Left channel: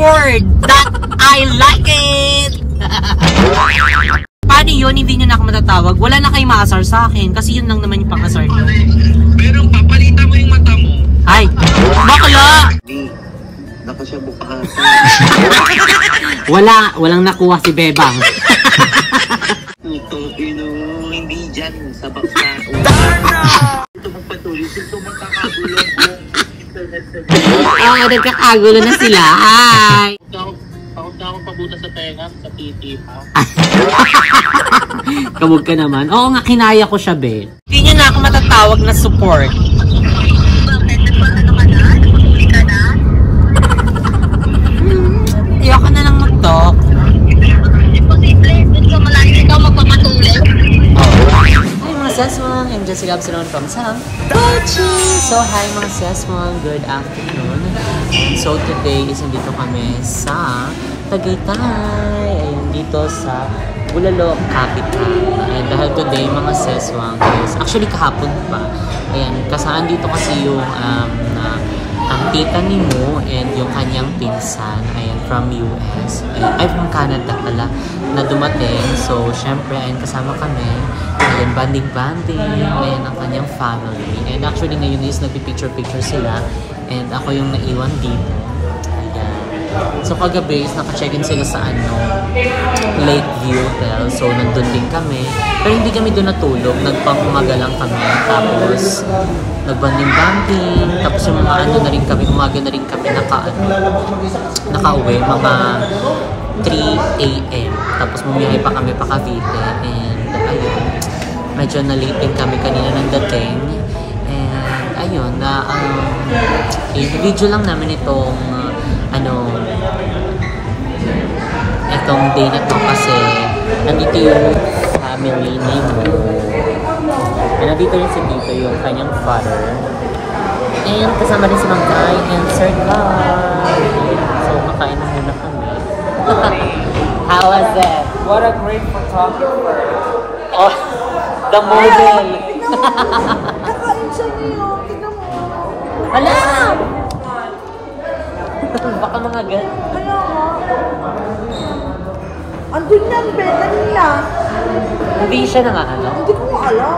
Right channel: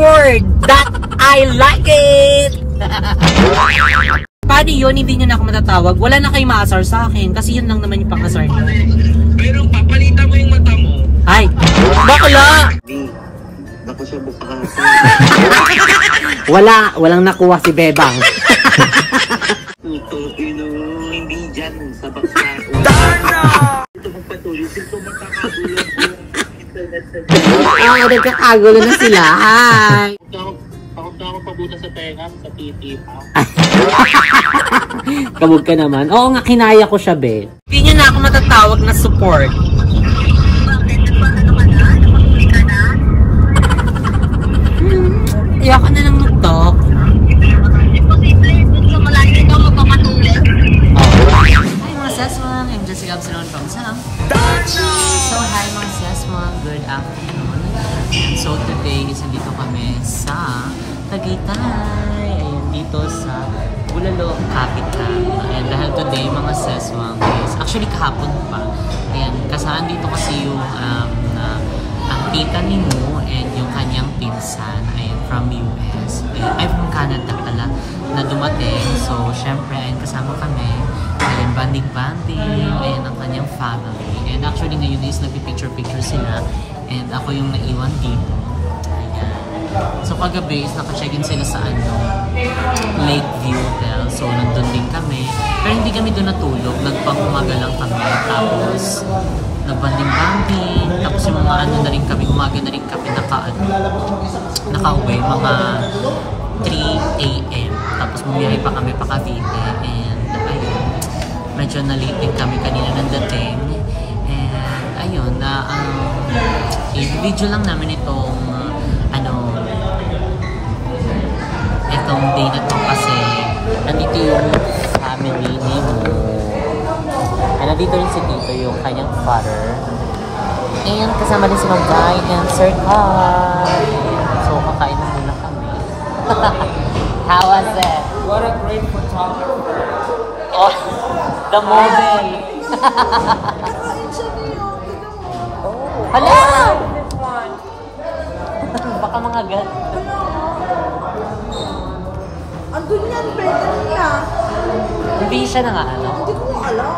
word that I like it! Paano yun? Hindi nyo na ako matatawag. Wala na kayong maasar sa akin kasi yun lang naman yung pang-asar nyo. Pero papalitan mo yung mata mo. Ay! Bakla! Hindi. Naku siya bukahan. Walang nakuha si Bebang. Puto, hindi dyan sa baksa. Darna! Ito magpatuloy. Ito magkakagulo ko. Internet sa nagkakagulo na sila. Ay! Takot na ako pabuta sa tenga, sa titi pa. Kabog ka naman. Oo nga, kinaya ko siya, Be. Hindi nyo na ako matatawag na support. Bakit? Ano ka na? Napakuli ka na? Iyak ka na lang mag-talk. Imposible. Doon ka malayo ikaw magpapatuloy. Hi mga sesmong, I'm Jessica Absalon from Sam. So hi mga sesmong, good afternoon. And so today is nandito kami sa Tagaytay. Ayun, dito sa Bulalo, Capital. And dahil today mga sesmong is actually kahapon pa. Ayan, kasaan dito kasi yung ang tita ni Mo and yung kanyang pinsan, ayan, from US, ay from Canada pala, na dumating. So, syempre, ayan, kasama kami. Ayan, banding-banding, ayan, ang kanyang family. And actually, ngayon is nagpipicture-picture sila. And ako yung naiwan dito. Ayan. So, kagabi is naka-check-in sila sa Lakeview Hotel. So, nandun din kami. Pero hindi kami doon natulog. Nagpang-umaga lang kami. Tapos, nagbanding-banding, tapos yung mga na rin kami, umaga na rin kami nakauwi, mga 3 AM. Tapos bumiyahe pa kami pa Cavite, and ayun, medyo na-late din kami kanina ng dating. And ayun, i-video lang namin itong itong day na to kasi nandito yung family ni Mo. And nandito rin si Tito, yung kanyang father. And kasama rin si Ma'am Guy and Sir Carl. So, kakain na muna kami. How was it? What a great photographer. Oh, the model. Hala! Baka mga Andun niya, ang beta nila. Hindi siya na nga, ano? Hindi ko alam.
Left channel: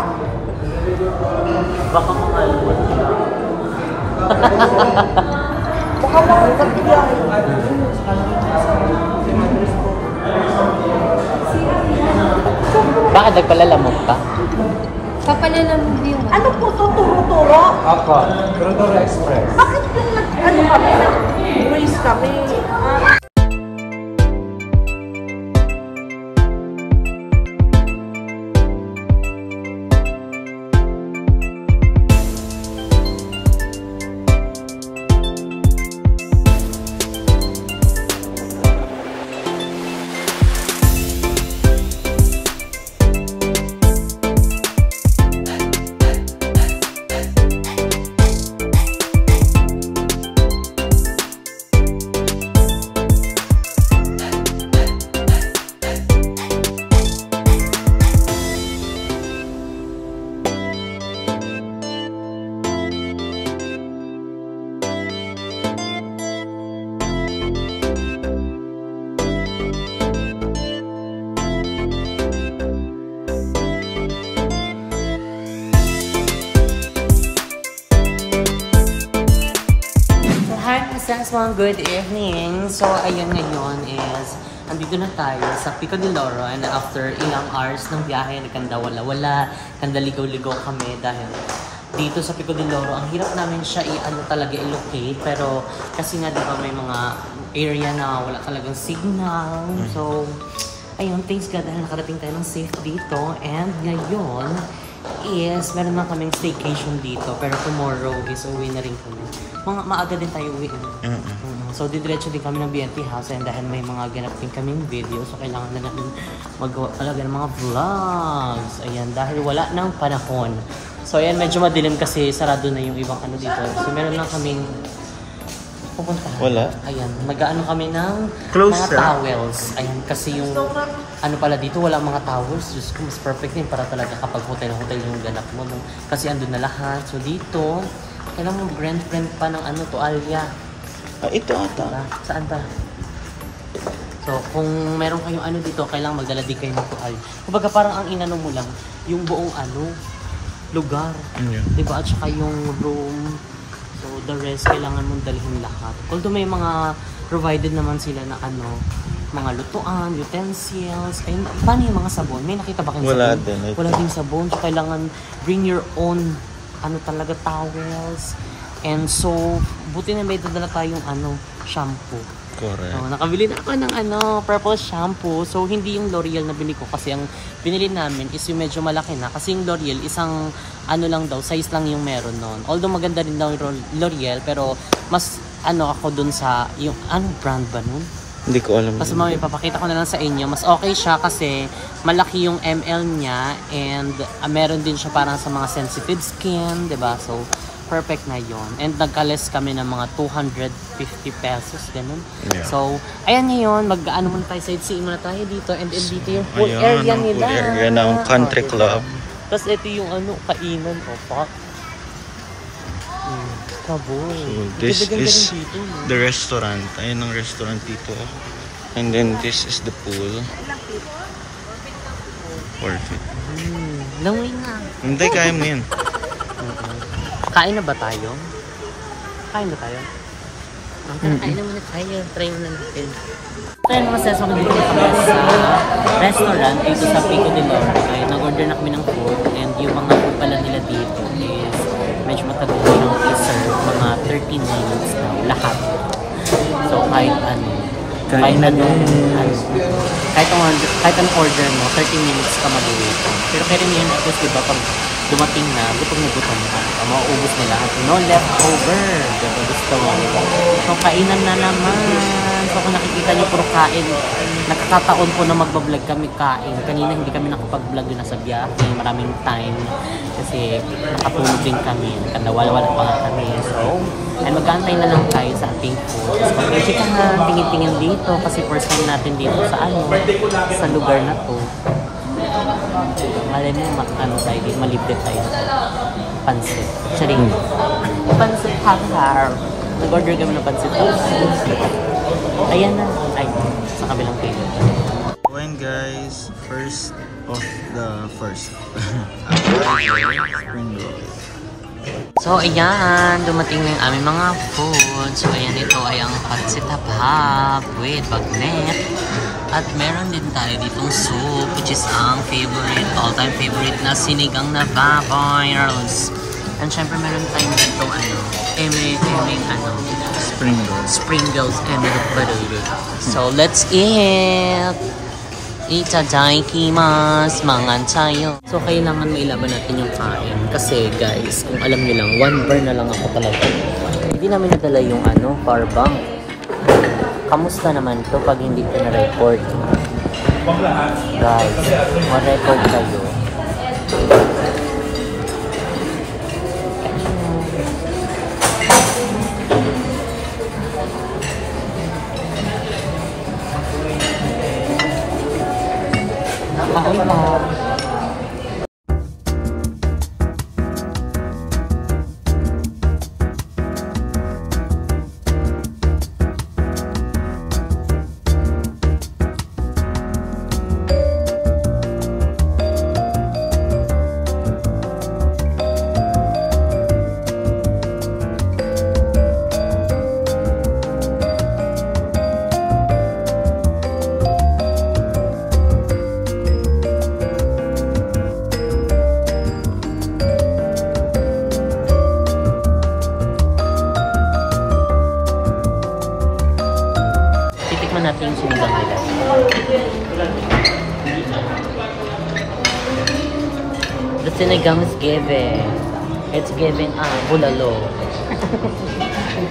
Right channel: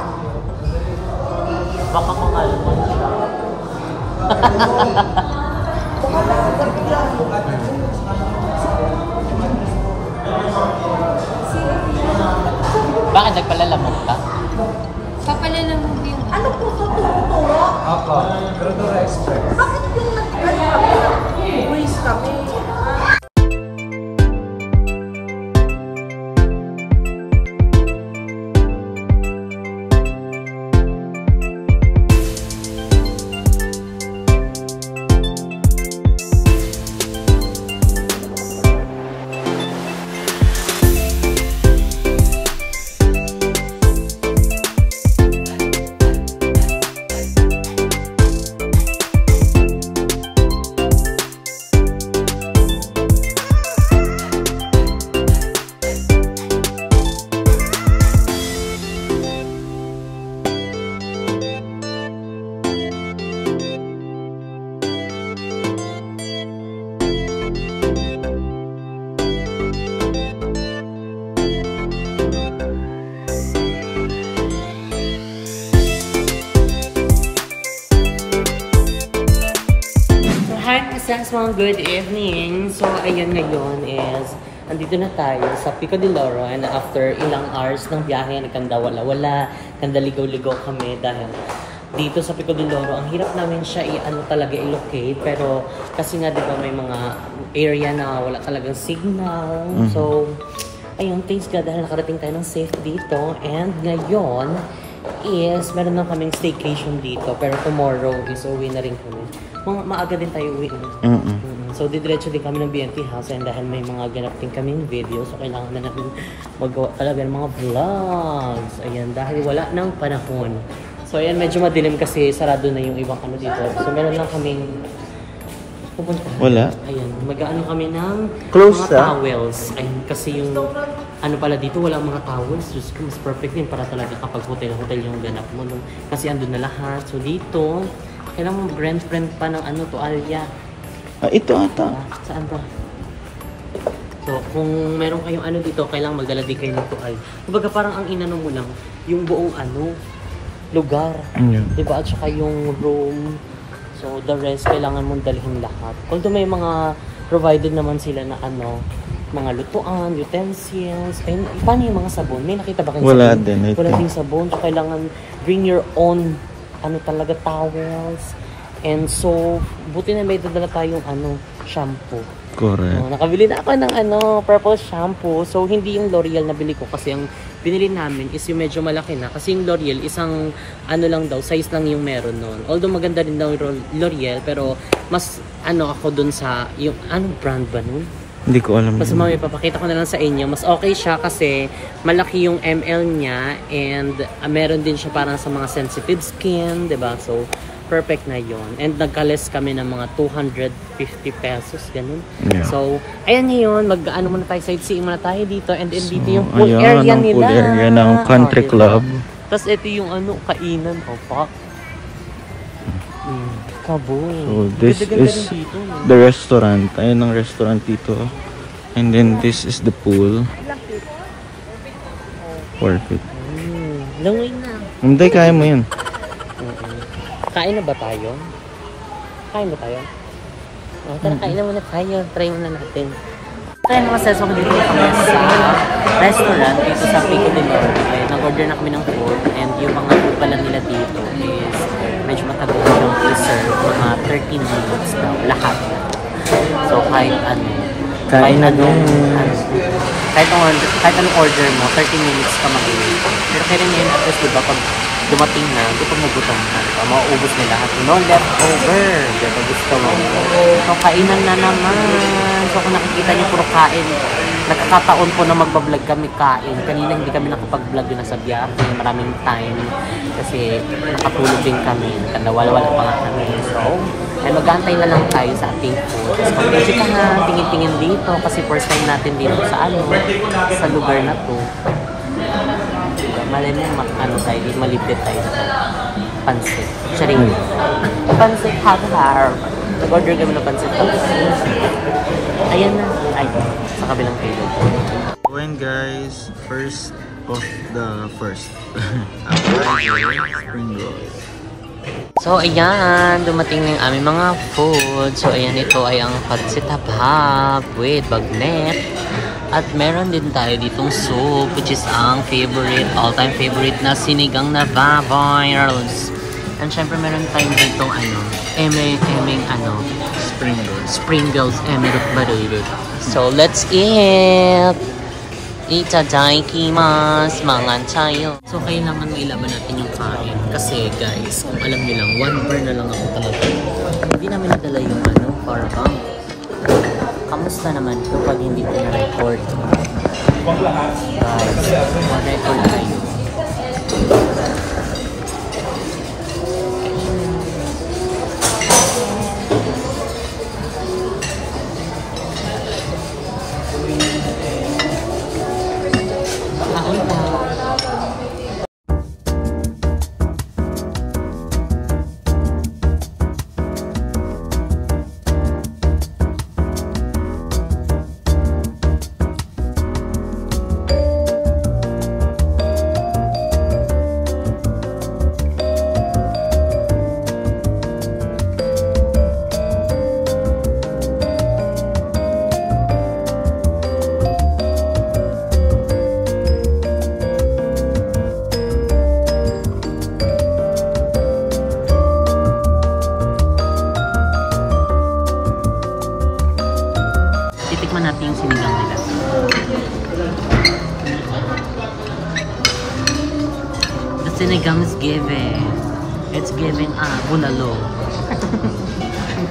Baka mga almond siya. Bakit nagpalalamog ka? Papalalamog yun. Ano po ito? Tumutuwa? Ako, Rodor Express. Bakit nag-police kami? Sesmong, good evening. So, ayun ngayon is andito na tayo sa Pico de Loro, and after ilang hours ng biyahe, nagkanda wala-wala, kanda ligaw-ligaw kami dahil dito sa Pico de Loro, ang hirap namin siya talaga i-locate, pero kasi nga diba may mga area na wala talagang signal. So, ayun, thanks God dahil nakarating tayo ng safe dito, and ngayon is meron na kaming staycation dito, pero tomorrow is uwi na rin kami. Maaga din tayo uwi. So, didiretso din kami ng BNT house, and dahil may mga ganap din kaming video, so kailangan na natin magawa talaga ng mga vlogs. Ayan, dahil wala ng panahon. So, ayan, medyo madilim kasi sarado na yung ibang ano dito. So, meron lang kaming pupuntahan. Wala? Ayan, nag-ano kami ng Close mga towels. Ayan, kasi yung ano pala dito, wala mga towels. Just mas perfect din para talaga kapag hotel-hotel yung ganap mo. No? Kasi andun na lahat. So, dito, kailangan mo friend pa ng ano, toalya. Ito. Saan ta? So, kung meron kayong ano dito, kailangan magdala din kayo ng tuwal. Kumbaga parang ang inano mo lang, yung buong lugar. Diba? At saka yung room. So, the rest, kailangan mong dalhin lahat. Although may mga provided naman sila na mga lutuan, utensils. And paano yung mga sabon? May nakita ba kayong sabon? Wala din sabon. So, kailangan bring your own talaga towels. And so, buti na may dadala tayong shampoo. Correct. So, nakabili na ako ng purple shampoo. So, hindi yung L'Oreal na bili ko kasi ang binili namin is yung medyo malaki na. Kasi yung L'Oreal, isang lang daw, size lang yung meron nun. Although maganda din daw yung L'Oreal, pero mas ako dun sa, yung brand ba nun? Hindi ko alam. Tapos mamaya papakita ko na lang sa inyo. Mas okay siya kasi malaki yung ml niya and meron din siya parang sa mga sensitive skin, 'di ba? So perfect na yon. And nagka-less kami ng mga 250 pesos ganun. Yeah. So ayan ngayon, muna tayo, sightseeing muna tayo dito and dito yung pool area nila. Pool area ng country club. Tapos ito yung kainan po. So this is the restaurant. Ayun ang restaurant dito. And then this is the pool. Perfect. Langoy na. Hindi, kaya mo yun. Kain na ba tayo? Kain na tayo? Tara, kain na muna tayo. Try muna natin. Kaya mga session ko dito na kami sa restaurant dito sa Pico de Norte. Nag-order na kami ng food and yung mga food pala nila dito is medyo matagal siyang i-serve, mga 13 minutes daw, lahat. So kahit anong order mo, 13 minutes ka mag-wait. Pero kaya rin yun, at least diba, pag dumating na, gutom ka, mauubos mo lahat. No leftover. Diba gusto mo? So kainan na naman. So kung nakikita niyo puro kain, nagkakataon po na magbablog kami kain. Kanina hindi kami nakapag-vlog na sa biyahe. Maraming time kasi nakatulog din kami. Nakawala-wala pa nga kami. So, mag-aantay na lang tayo sa ating food. Tapos pag-enjoy ka nga, tingin-tingin dito kasi first time natin dito sa lugar na to. Diba? Malay mo, tayo, malibre tayo sa pansit. Charing. Pansit har-har. Nag-order kami ng pansit tapos. Ayan na. Ay, sa kabilang table. When guys, first spring rolls. So ayan, dumating na yung aming mga food. So ayan, ito ay ang pansit hab-hab with bagnet. At meron din tayo ditong soup, which is ang favorite, all-time favorite na sinigang na baboy rolls. And syempre meron tayong dito Springles and butter. So let's eat! Itadaikimasu, mangan tayo. So kailangan mailaban natin yung kain. Kasi guys, kung alam nyo lang, 1 bar na lang ako talaga. Hindi namin nadala yung power bank. Kamusta naman to pag hindi ko na-record? Guys, ma-record kayo. Kahoy pa. Natin yung sinigang nila. The sinigang is giving. It's giving bulalo.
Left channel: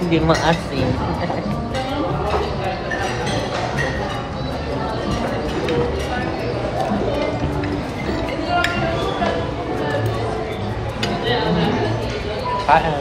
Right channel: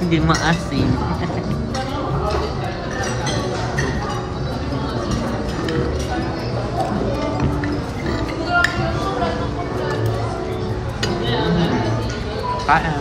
Hindi maasin. Kain.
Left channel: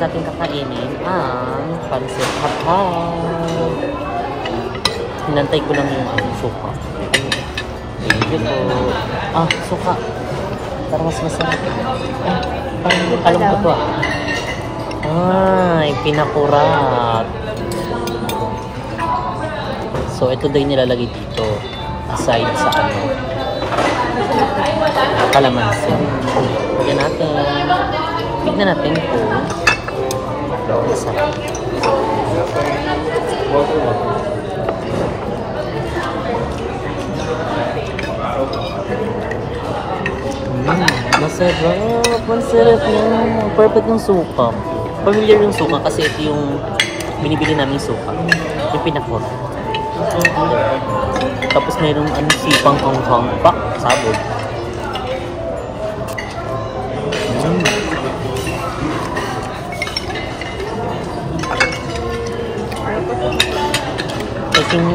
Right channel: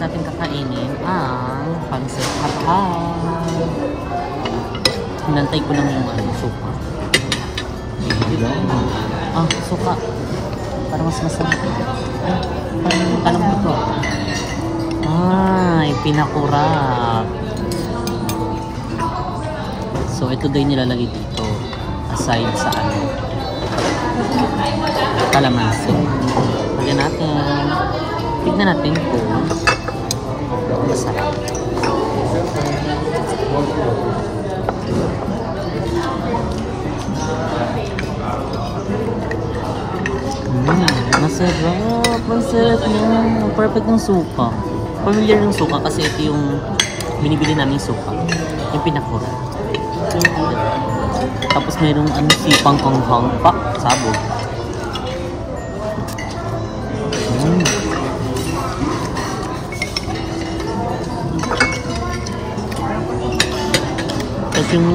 next natin kakainin ang pancit hab-hab. Hinantay ko lang yung suka. Thank you po. Suka. Para mas masarap. Parang alam ko to pinakurat. So, ito daw yung nilalagay dito. Aside sa kalamansi. Lagyan natin. Tignan natin kung masarap. Masarap. Masarap niya. Perfect yung suka. Familiar yung suka kasi ito yung binibili naming suka. Yung pinakurat. Tapos mayroong sipang anghang pa. Sabog. Tapos yung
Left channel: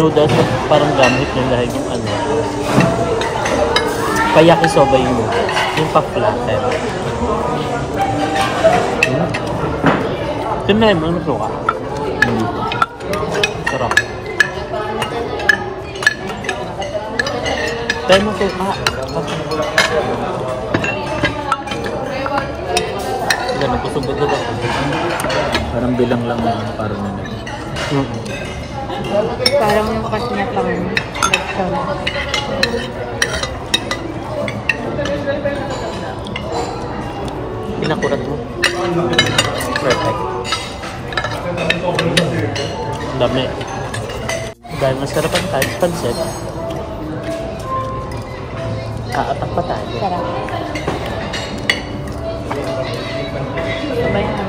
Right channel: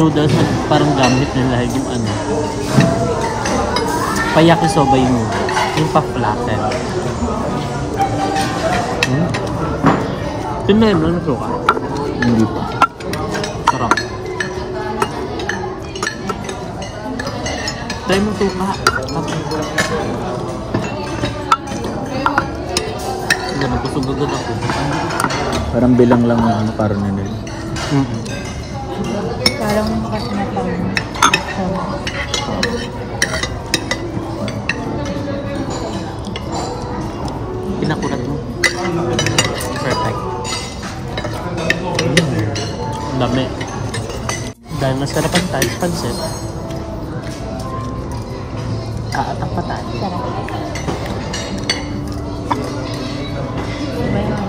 noodles na parang gamit nila yung payakisoba yung noodles. Yung pa-flatten. Ito meron na suka. Hindi pa. Sarap. Tayo mo suka. Ganda, pusog agad ako. Parang bilang lang naman parang na nila. Parang yung kasi na pang Pinakurat mo. Perfect. Dami. Dahil masarapan tayo sa pancit, kaatak pa tayo. sarap. Mamaya.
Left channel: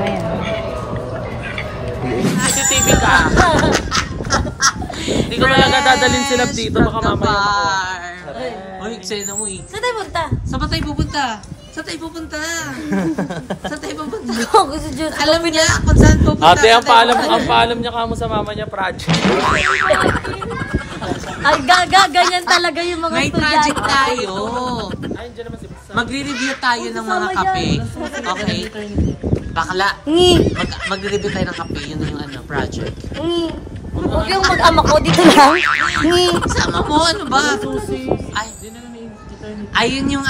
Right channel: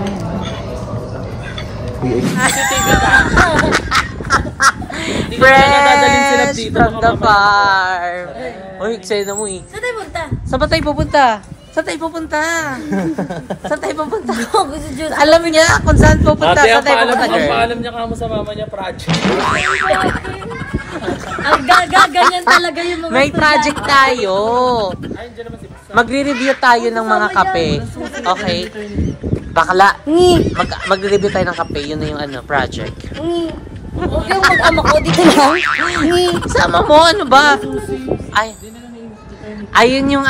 TV ka! Hindi ko na nadadalhin sila dito. Baka mamaya. Uy, eksena mo eh. Saan tayo punta? Saan ba tayo pupunta? Saan tayo pupunta? Saan tayo pupunta? Gusto Diyos. Alam niya kung saan pupunta. Ate, ang paalam niya kamo sa mama niya, project. Ang ganyan talaga yung mga May project estudyante. tayo. Magre-review tayo ng mga kape. Okay? Bakla. Magre-review tayo ng kape. Yun na yung project. Huwag yung mag-ama ko dito lang. Sama mo, ano ba? Ay. Ayun yung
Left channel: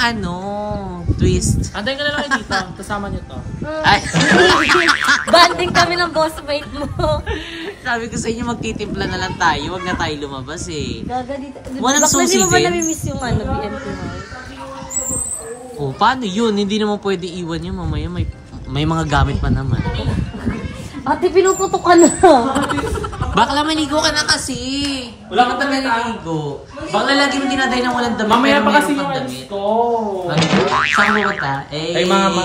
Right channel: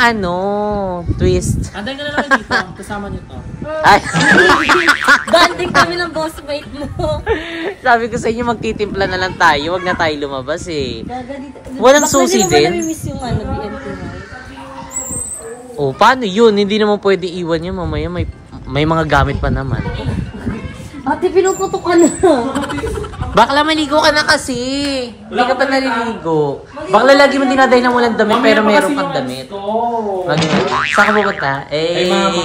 twist. Antayin ka na lang dito. Kasama niyo to. Ay. Banding kami ng boss mate mo. Sabi ko sa inyo, magtitimpla na lang tayo. Huwag na tayo lumabas eh. Gaga dito. Walang susi din. Bakit di mo ba din? namimiss yung BNT mo? Oh, paano yun? Hindi naman pwede iwan yun. Mamaya may mga gamit pa naman. Ate, pinuputok ka na. Bakla, maligo ka na kasi. Hindi ka pa naliligo. Bakla, lagi mo dinadahin ng walang damit, pero meron pang damit. Saan ka pumunta? Ay, mama.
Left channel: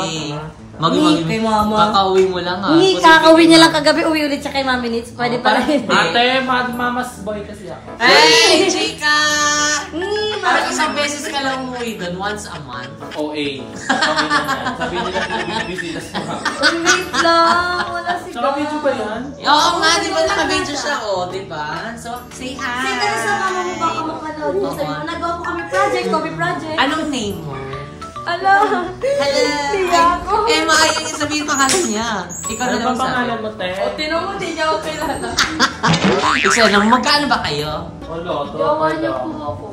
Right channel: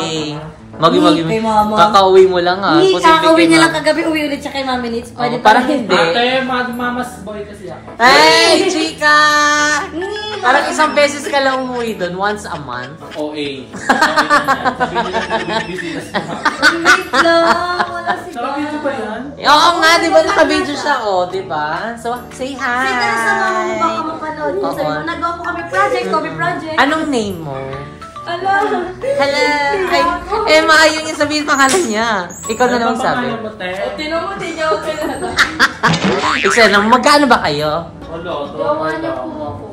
Kay mama. Kakauwi mo lang ah. Hindi, kakauwi niya lang kagabi. Uwi ulit siya kay Mami Nits. Pwede pa rin. Ate, mama's boy kasi ako. Hey, chika! Parang isang beses ka lang umuwi doon, once a month. OA. Sabi nila busy na siya. Wait lang. Wala si Saka video ba yan? Oo nga, di ba naka-video siya, di ba? So, say hi! Kasi sama mo baka mapanood mo. Sabi mo, nagawa po kami project, copy project. Anong name mo? Hello. Hello! Maayong sabihin pangalan niya. Ikaw na Ano lang ba pangalan sabi. mo, te? Tinan mo, di niya ako pinata. Isa na, magkano ba kayo? Jowa niya po ako.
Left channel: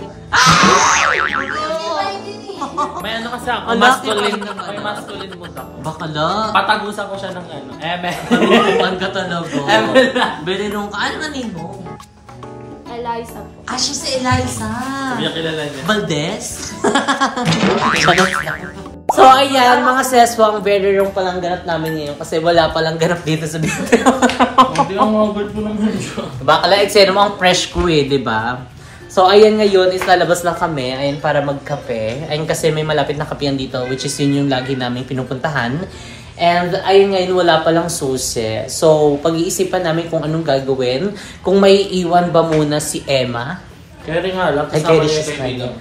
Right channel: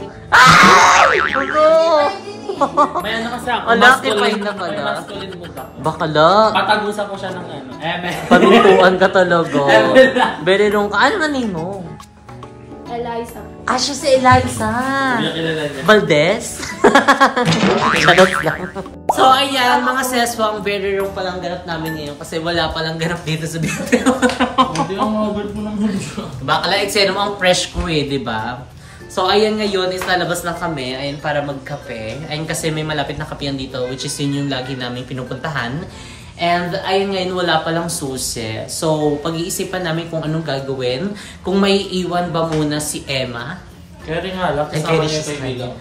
May kasi ako. Ang laki Masculine. pa naman, May ah. masculine mo ka. Bakala. Patagusan ko siya ng Paglutuan ka talaga. Berirong ka. Ano name mo? Eliza po. Siya si Eliza. Hindi kilala niya. Valdez? So ayan, mga seswa, ang very wrong palang ganap namin ngayon kasi wala palang ganap dito sa dito. Hindi ang mga mo ng video. Bakala, eksena mo ang fresh ko eh, di ba? So ayan, ngayon is lalabas lang kami ayan, para magkape. Ayan kasi may malapit na kapehan dito, which is yun yung lagi namin pinupuntahan. And ayun, ngayon wala palang susi. So pag-iisipan namin kung anong gagawin. Kung may iwan ba muna si Emma. Kaya nga lang, Ay, kasama carry niya siya yung sa kanya. kaibigan.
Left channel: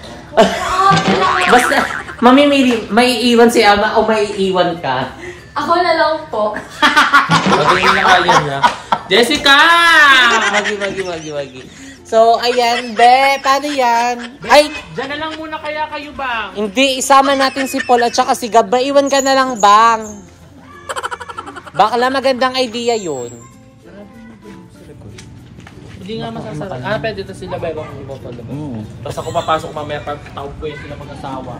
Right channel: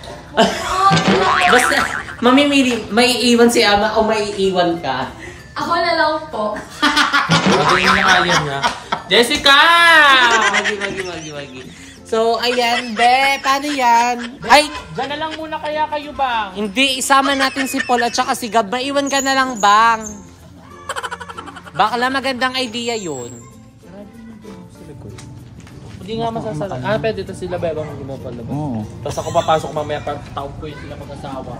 Basta, may iwan si Emma o may iwan ka? Ako na lang po. Sabi niya kaya niya. Jessica! Wagi. So, ayan, be, paano yan? Ay, Diyan na lang muna kaya kayo ba? hindi, isama natin si Paul at saka si Gab. Maiwan ka na lang, bang. Bakla magandang idea yun. Hindi nga masasarap. Pwede ito sila ba ibang mo pala. Tapos ako papasok mamaya pa tawag ko yung sila magkasama.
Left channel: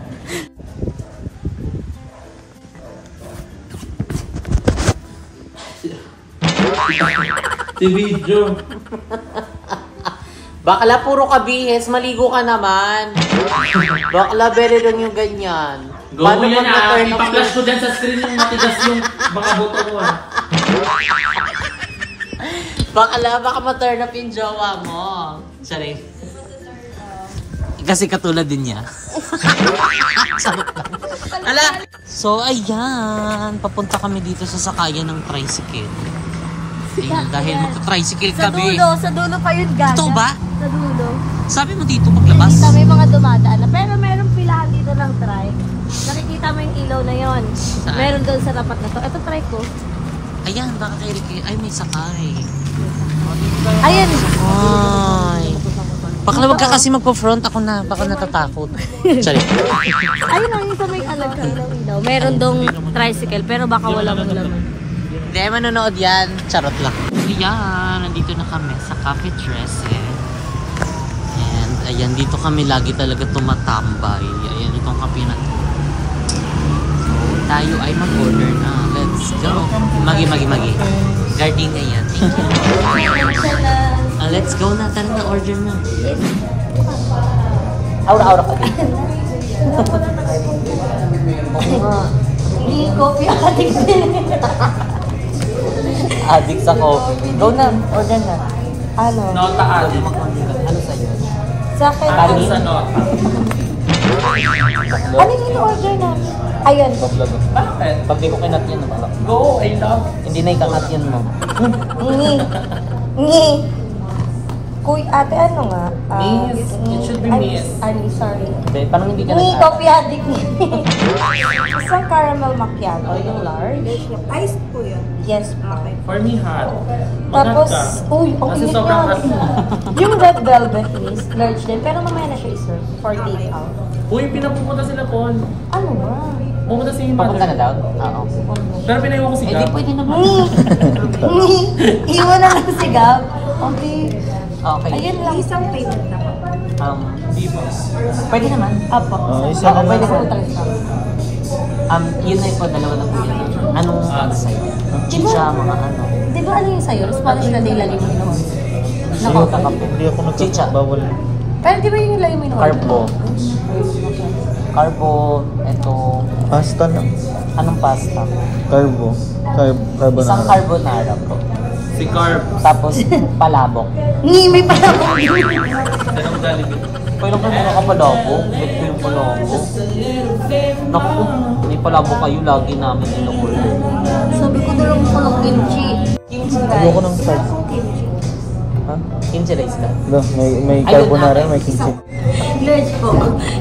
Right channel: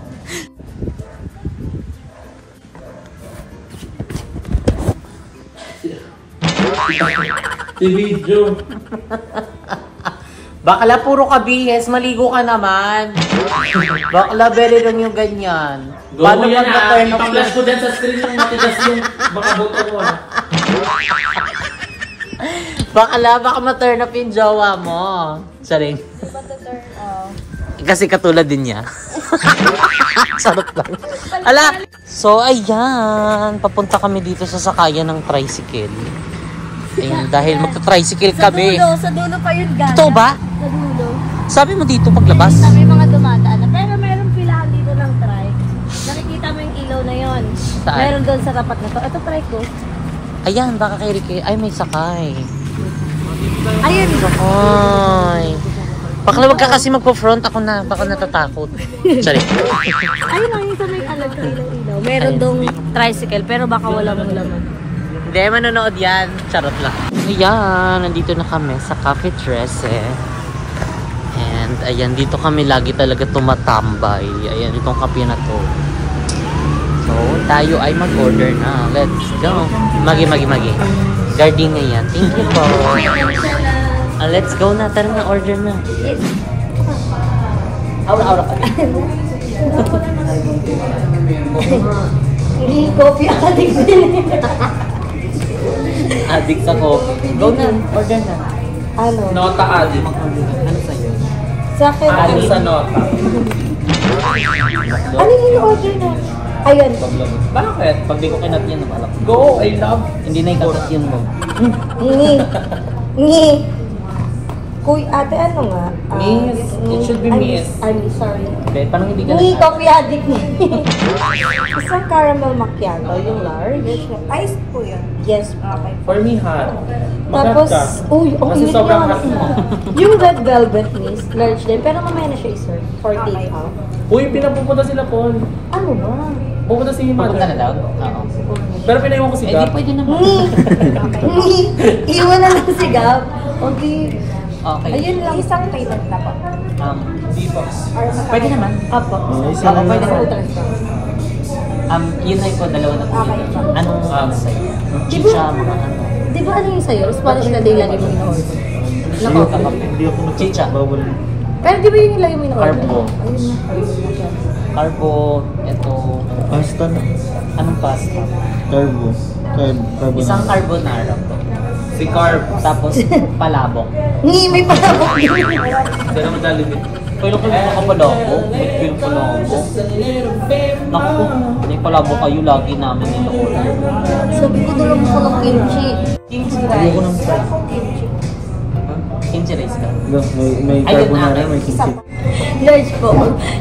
Si video. Bakla puro kabihes, maligo ka naman. Bakla very lang yung ganyan. Go mo yan ipa-flash ko dyan sa screen yung matigas yung mga buto ko Bakla, baka ma-turn up yung jowa mo. Sorry. Kasi katulad din niya. Sarap lang. Ala! So, ayan. Papunta kami dito sa sakayan ng tricycle. Ayan, dahil magta-tricycle kami. Sa dulo pa yun, Gaga. Ito ba? Sa dulo. Sabi mo dito paglabas? Nakikita mo yung mga dumadaan na. Pero meron pilahan dito ng trike. Nakikita mo yung ilaw na yon. Saan? Meron doon sa tapat na to. Ito trike ko. Ayan, baka kay Ricky. Ay, may sakay. Ayun. Ay. Bakla, wag ka kasi magpo-front. Ako na. Baka natatakot. Sorry. Ayun ang yung sa may alag sa ilaw-ilaw. Meron doong tricycle pero baka walang laman. Hindi, manonood yan. Charot lang. Ayan, nandito na kami sa Cafe 13. And ayan, dito kami lagi talaga tumatambay. Ayan, itong kape na to. So, tayo ay mag-order na. Let's go. Magi. Gardenia yan. Thank you po. Let's go na. Tara na, order na. Aura ka din. Hindi coffee addict din. Addict sa coffee. Go na, order na. Ano? Nota addict. Ano sa'yo? Sa akin. Addict sa nota. Ano yung order na? Ayun. Bakit? Pag di ko kinat yan, nabalak. Go, I love. Hindi na ikakat yun mo. Ngi. Kuy, ate, ano nga? Miss. It should be miss. I'm sorry. Okay, parang hindi ka Ngi, nag-add. coffee addict ni. Isang caramel macchiato, yung large. Ice po yan. Yes po. For me, hot. Tapos, Maganda. uy, ang Kasi init sobrang niya. hot mo. Yung red velvet is large din, pero mamaya na siya i-serve for take out. Uy, pinapupunta sila, Paul. Ano ba? Pupunta si mother. Papunta na daw? Oo. Pero pinaiwan ko si Eh, Gab. di pwede naman. Ngi. Iwan na lang si Gab. Okay. Okay. Ayun lang, isang payment na po. Di ba? Pwede naman. Apo. isa Oo, na pwede lang. naman. Yun na po, dalawa na po yun. Anong ano sa'yo? Chicha, mga ano. Di ba ano yung sa'yo? Spanish na day lagi mo in-order. Nakauta ka po. Hindi ako Chicha. bawal. Pero di ba yun yung lagi mo in-order? Carbo. Ayun na. Carbo, eto. Pasta na. Anong pasta? Carbo. Carbo Isang na. carbonara po. Si Carb. Tapos palabok. Ngi, may palabok. Ganang Jollibee. Kailan ko yung kapalabok? Ito yung palabok. Naku, may palabok kayo lagi namin in-order. Sabi ko dala mo ko ng kimchi. Kimchi Ayoko ng rice. pasta. Kimchi rice ka? May Ayun, carbonara, akin. may kimchi. Large po.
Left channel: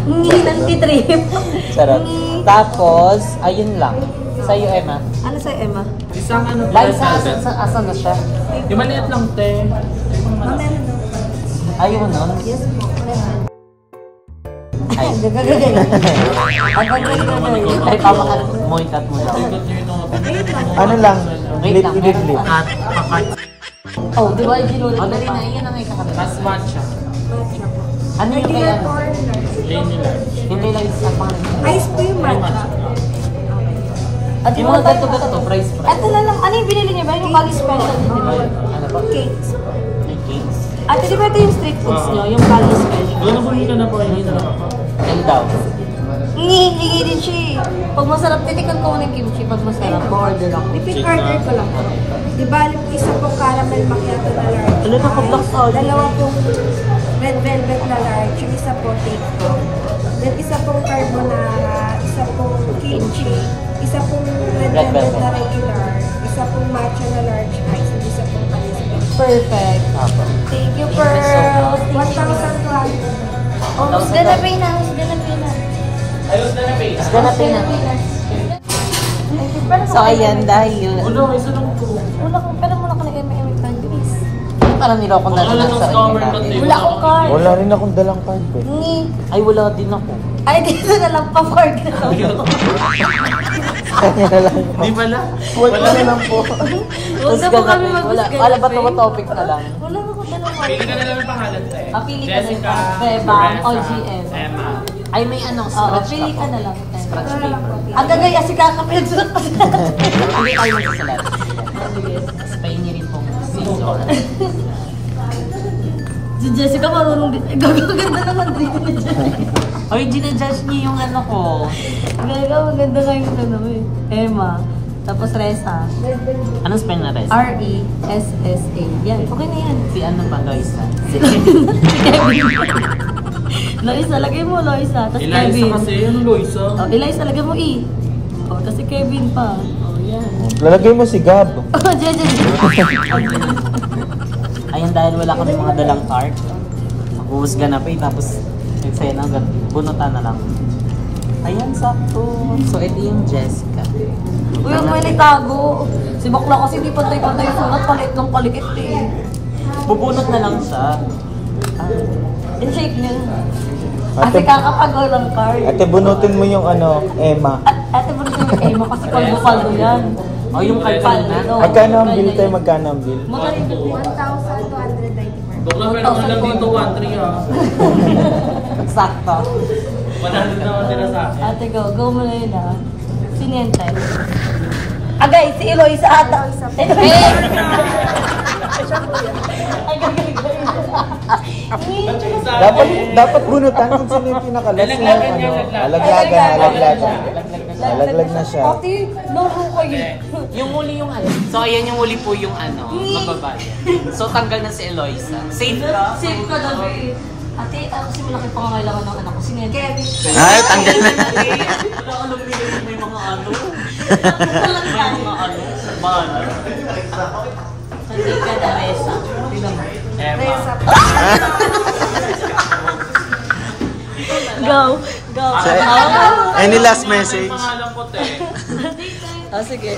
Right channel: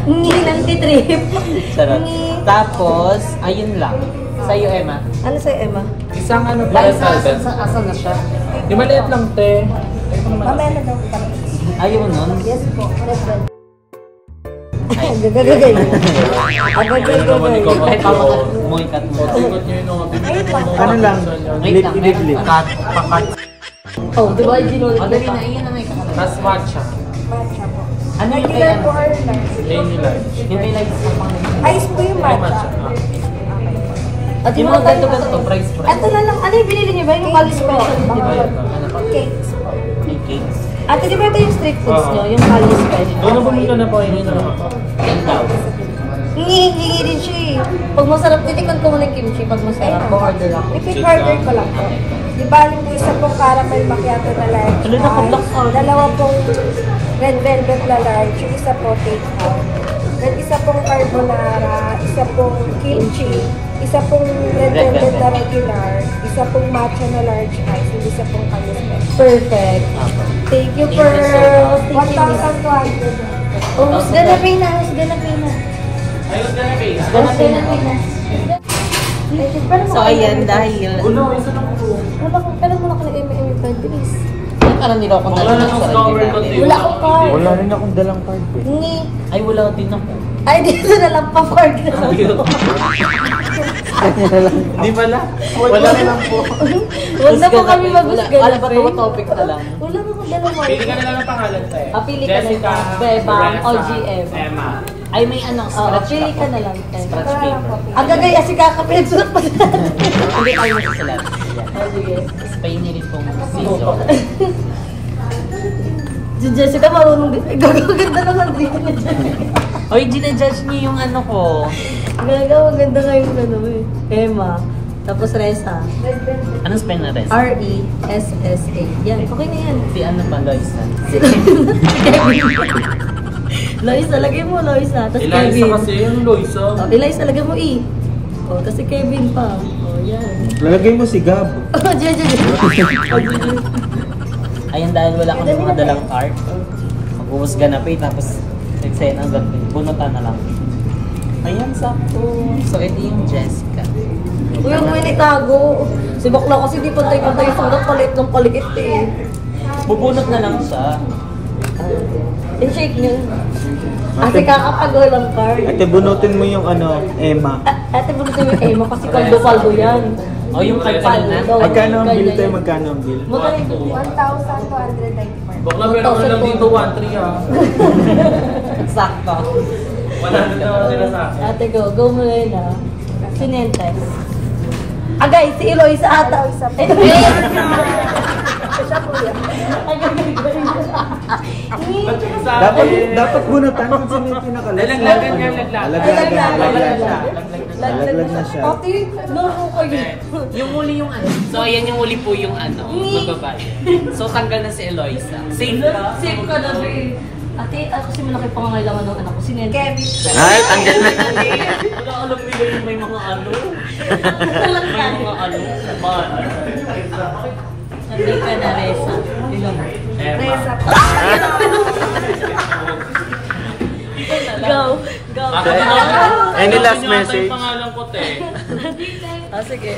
Ngi lang titrip. Sarap. Ngi. Tapos, ayun lang. Sa'yo, Emma. Ano sa'yo, Emma? Isang ano pa, Live sa velvet. asan na siya? Di maliit lang, te. Ayaw nun? Ay, Gagagagay. ay pamukat mo na. Ikot nyo yung Ano lang? Wait lang, meron Ididli. pa. Pakat. Oh, di ba yung ginulit? O, dali na, iyan na may kakataas. Tapos matcha. Ano yung kay ano? Plain nila. Yung kay Live sa pangalan. Plain matcha. At Yung mga ganito-ganito, price. Ito na lang. Ano yung binili niyo ba? Yung Kali Special din, di ba? Ano pa? Cakes. Yung cakes. Ate, di ba ito yung street foods niyo? Yung Kali Special. Doon na bumili ka na po. Hindi na. Yan daw. Ngi din siya eh. Pag masarap, titikman ko muna yung kimchi. Pag masarap, order ako. I-order ko lang. Okay. Di ba, isa pong caramel macchiato na large. Wala na ka-block out. Dalawa pong red velvet na large. Yung isa pong take out. At isa pong carbonara. Isa pong kimchi. Isa pong red velvet na regular. Isa pong matcha na large ice. Isa pong carbonara. Perfect. Apo. Thank you, Thank you so much. 1,200. Oh, mas gana pay na. Mas gana pay na. Ayos na na, babe. Ganap na. So, ayan, dahil... Ulo, isa lang to. Wala ko, pero mula ka na MM card, bilis. Yung parang niloko na Wala lang na sa tong sarili scammer namin. kasi. Wala akong card. Wala rin akong dalang card. Ngi. Ay, wala din ako. Ay, dito na lang pa card na lang. Hindi pala. Wala na po. Huwag na po kami mag-husga. Wala ba ito topic na lang? Wala na po dalawa. Pili ka na lang ng pangalan sa'yo. Pili ka na Jessica, lang. Bebang o Lorenza, GM. Emma. Ay, may ano, Oo, scratch pili ka po. na lang. Scratch paper. Ang gagay, asi kakapinagsulat pa natin. Hindi tayo magsusulat. Sige. Spain niyo rin pong season. Si Jessica marunong din. Gagaganda naman dito ni Jessica. Hoy, ginajudge niyo yung ano ko. Maganda nga yung ano eh. Emma. Tapos Reza. Anong spell na res? R-E-S-S-A. Yan. Okay na yan. Si ano pa, Loisa? Si Kevin. Loisa, lagay mo Loisa. Tapos Eliza Kevin. kasi yung Loisa. Oh, Eliza, lagay mo E. Oh, tapos si Kevin pa. Oh, yan. Lalagay mo si Gab. Oh, Jen. Ayun, dahil wala kami mga dalang art. Mag-uusga na pa eh, tapos eksena agad. Bunutan na lang. Ayan, sakto. So, ito yung Jessica. Uy, ang may nitago. Si Bakla kasi di pantay-pantay yung sulat. Palit ng palit eh. Bubunot na lang siya. In-shake nyo. Kasi kakapagaw lang card. Ate, bunutin mo yung ano, Emma. Ate, bunutin mo yung Emma kasi paldo-paldo yan. O, yung kalkal na. Paldo. Ay, kano ang bill Ganyan tayo? yan. Magkano ang bill? Magkano? 1,294. Bakla meron ka lang dito 1-3 ha. Sakto. Wala na naman sila sa akin. Ate, go mo na yun ah. Sinente. Agay, si Eloisa ata. Eh, siya po yan. Agay. Ba't yung sa Dapat, akin? dapat bunutan kung sino yung pinakalas. Lalaglagan niya, laglagan. Laglag na siya. Ate, laro kayo. Yung huli yung ano. So, ayan yung huli po yung ano. Mababae. So, tanggal na si Eloisa. Safe ka? Safe ka daw eh. Ate, kasi malaki pangangailangan ng anak ko. Sinente. Kevin. Ay, tanggal na. Wala alam nila yung may mga ano. Talang May tayo. mga ano. Banner. Hindi ka na, Reza. Diba? Emma. Go. Go. Any last Yung message? pangalan ko, te. Oh, sige.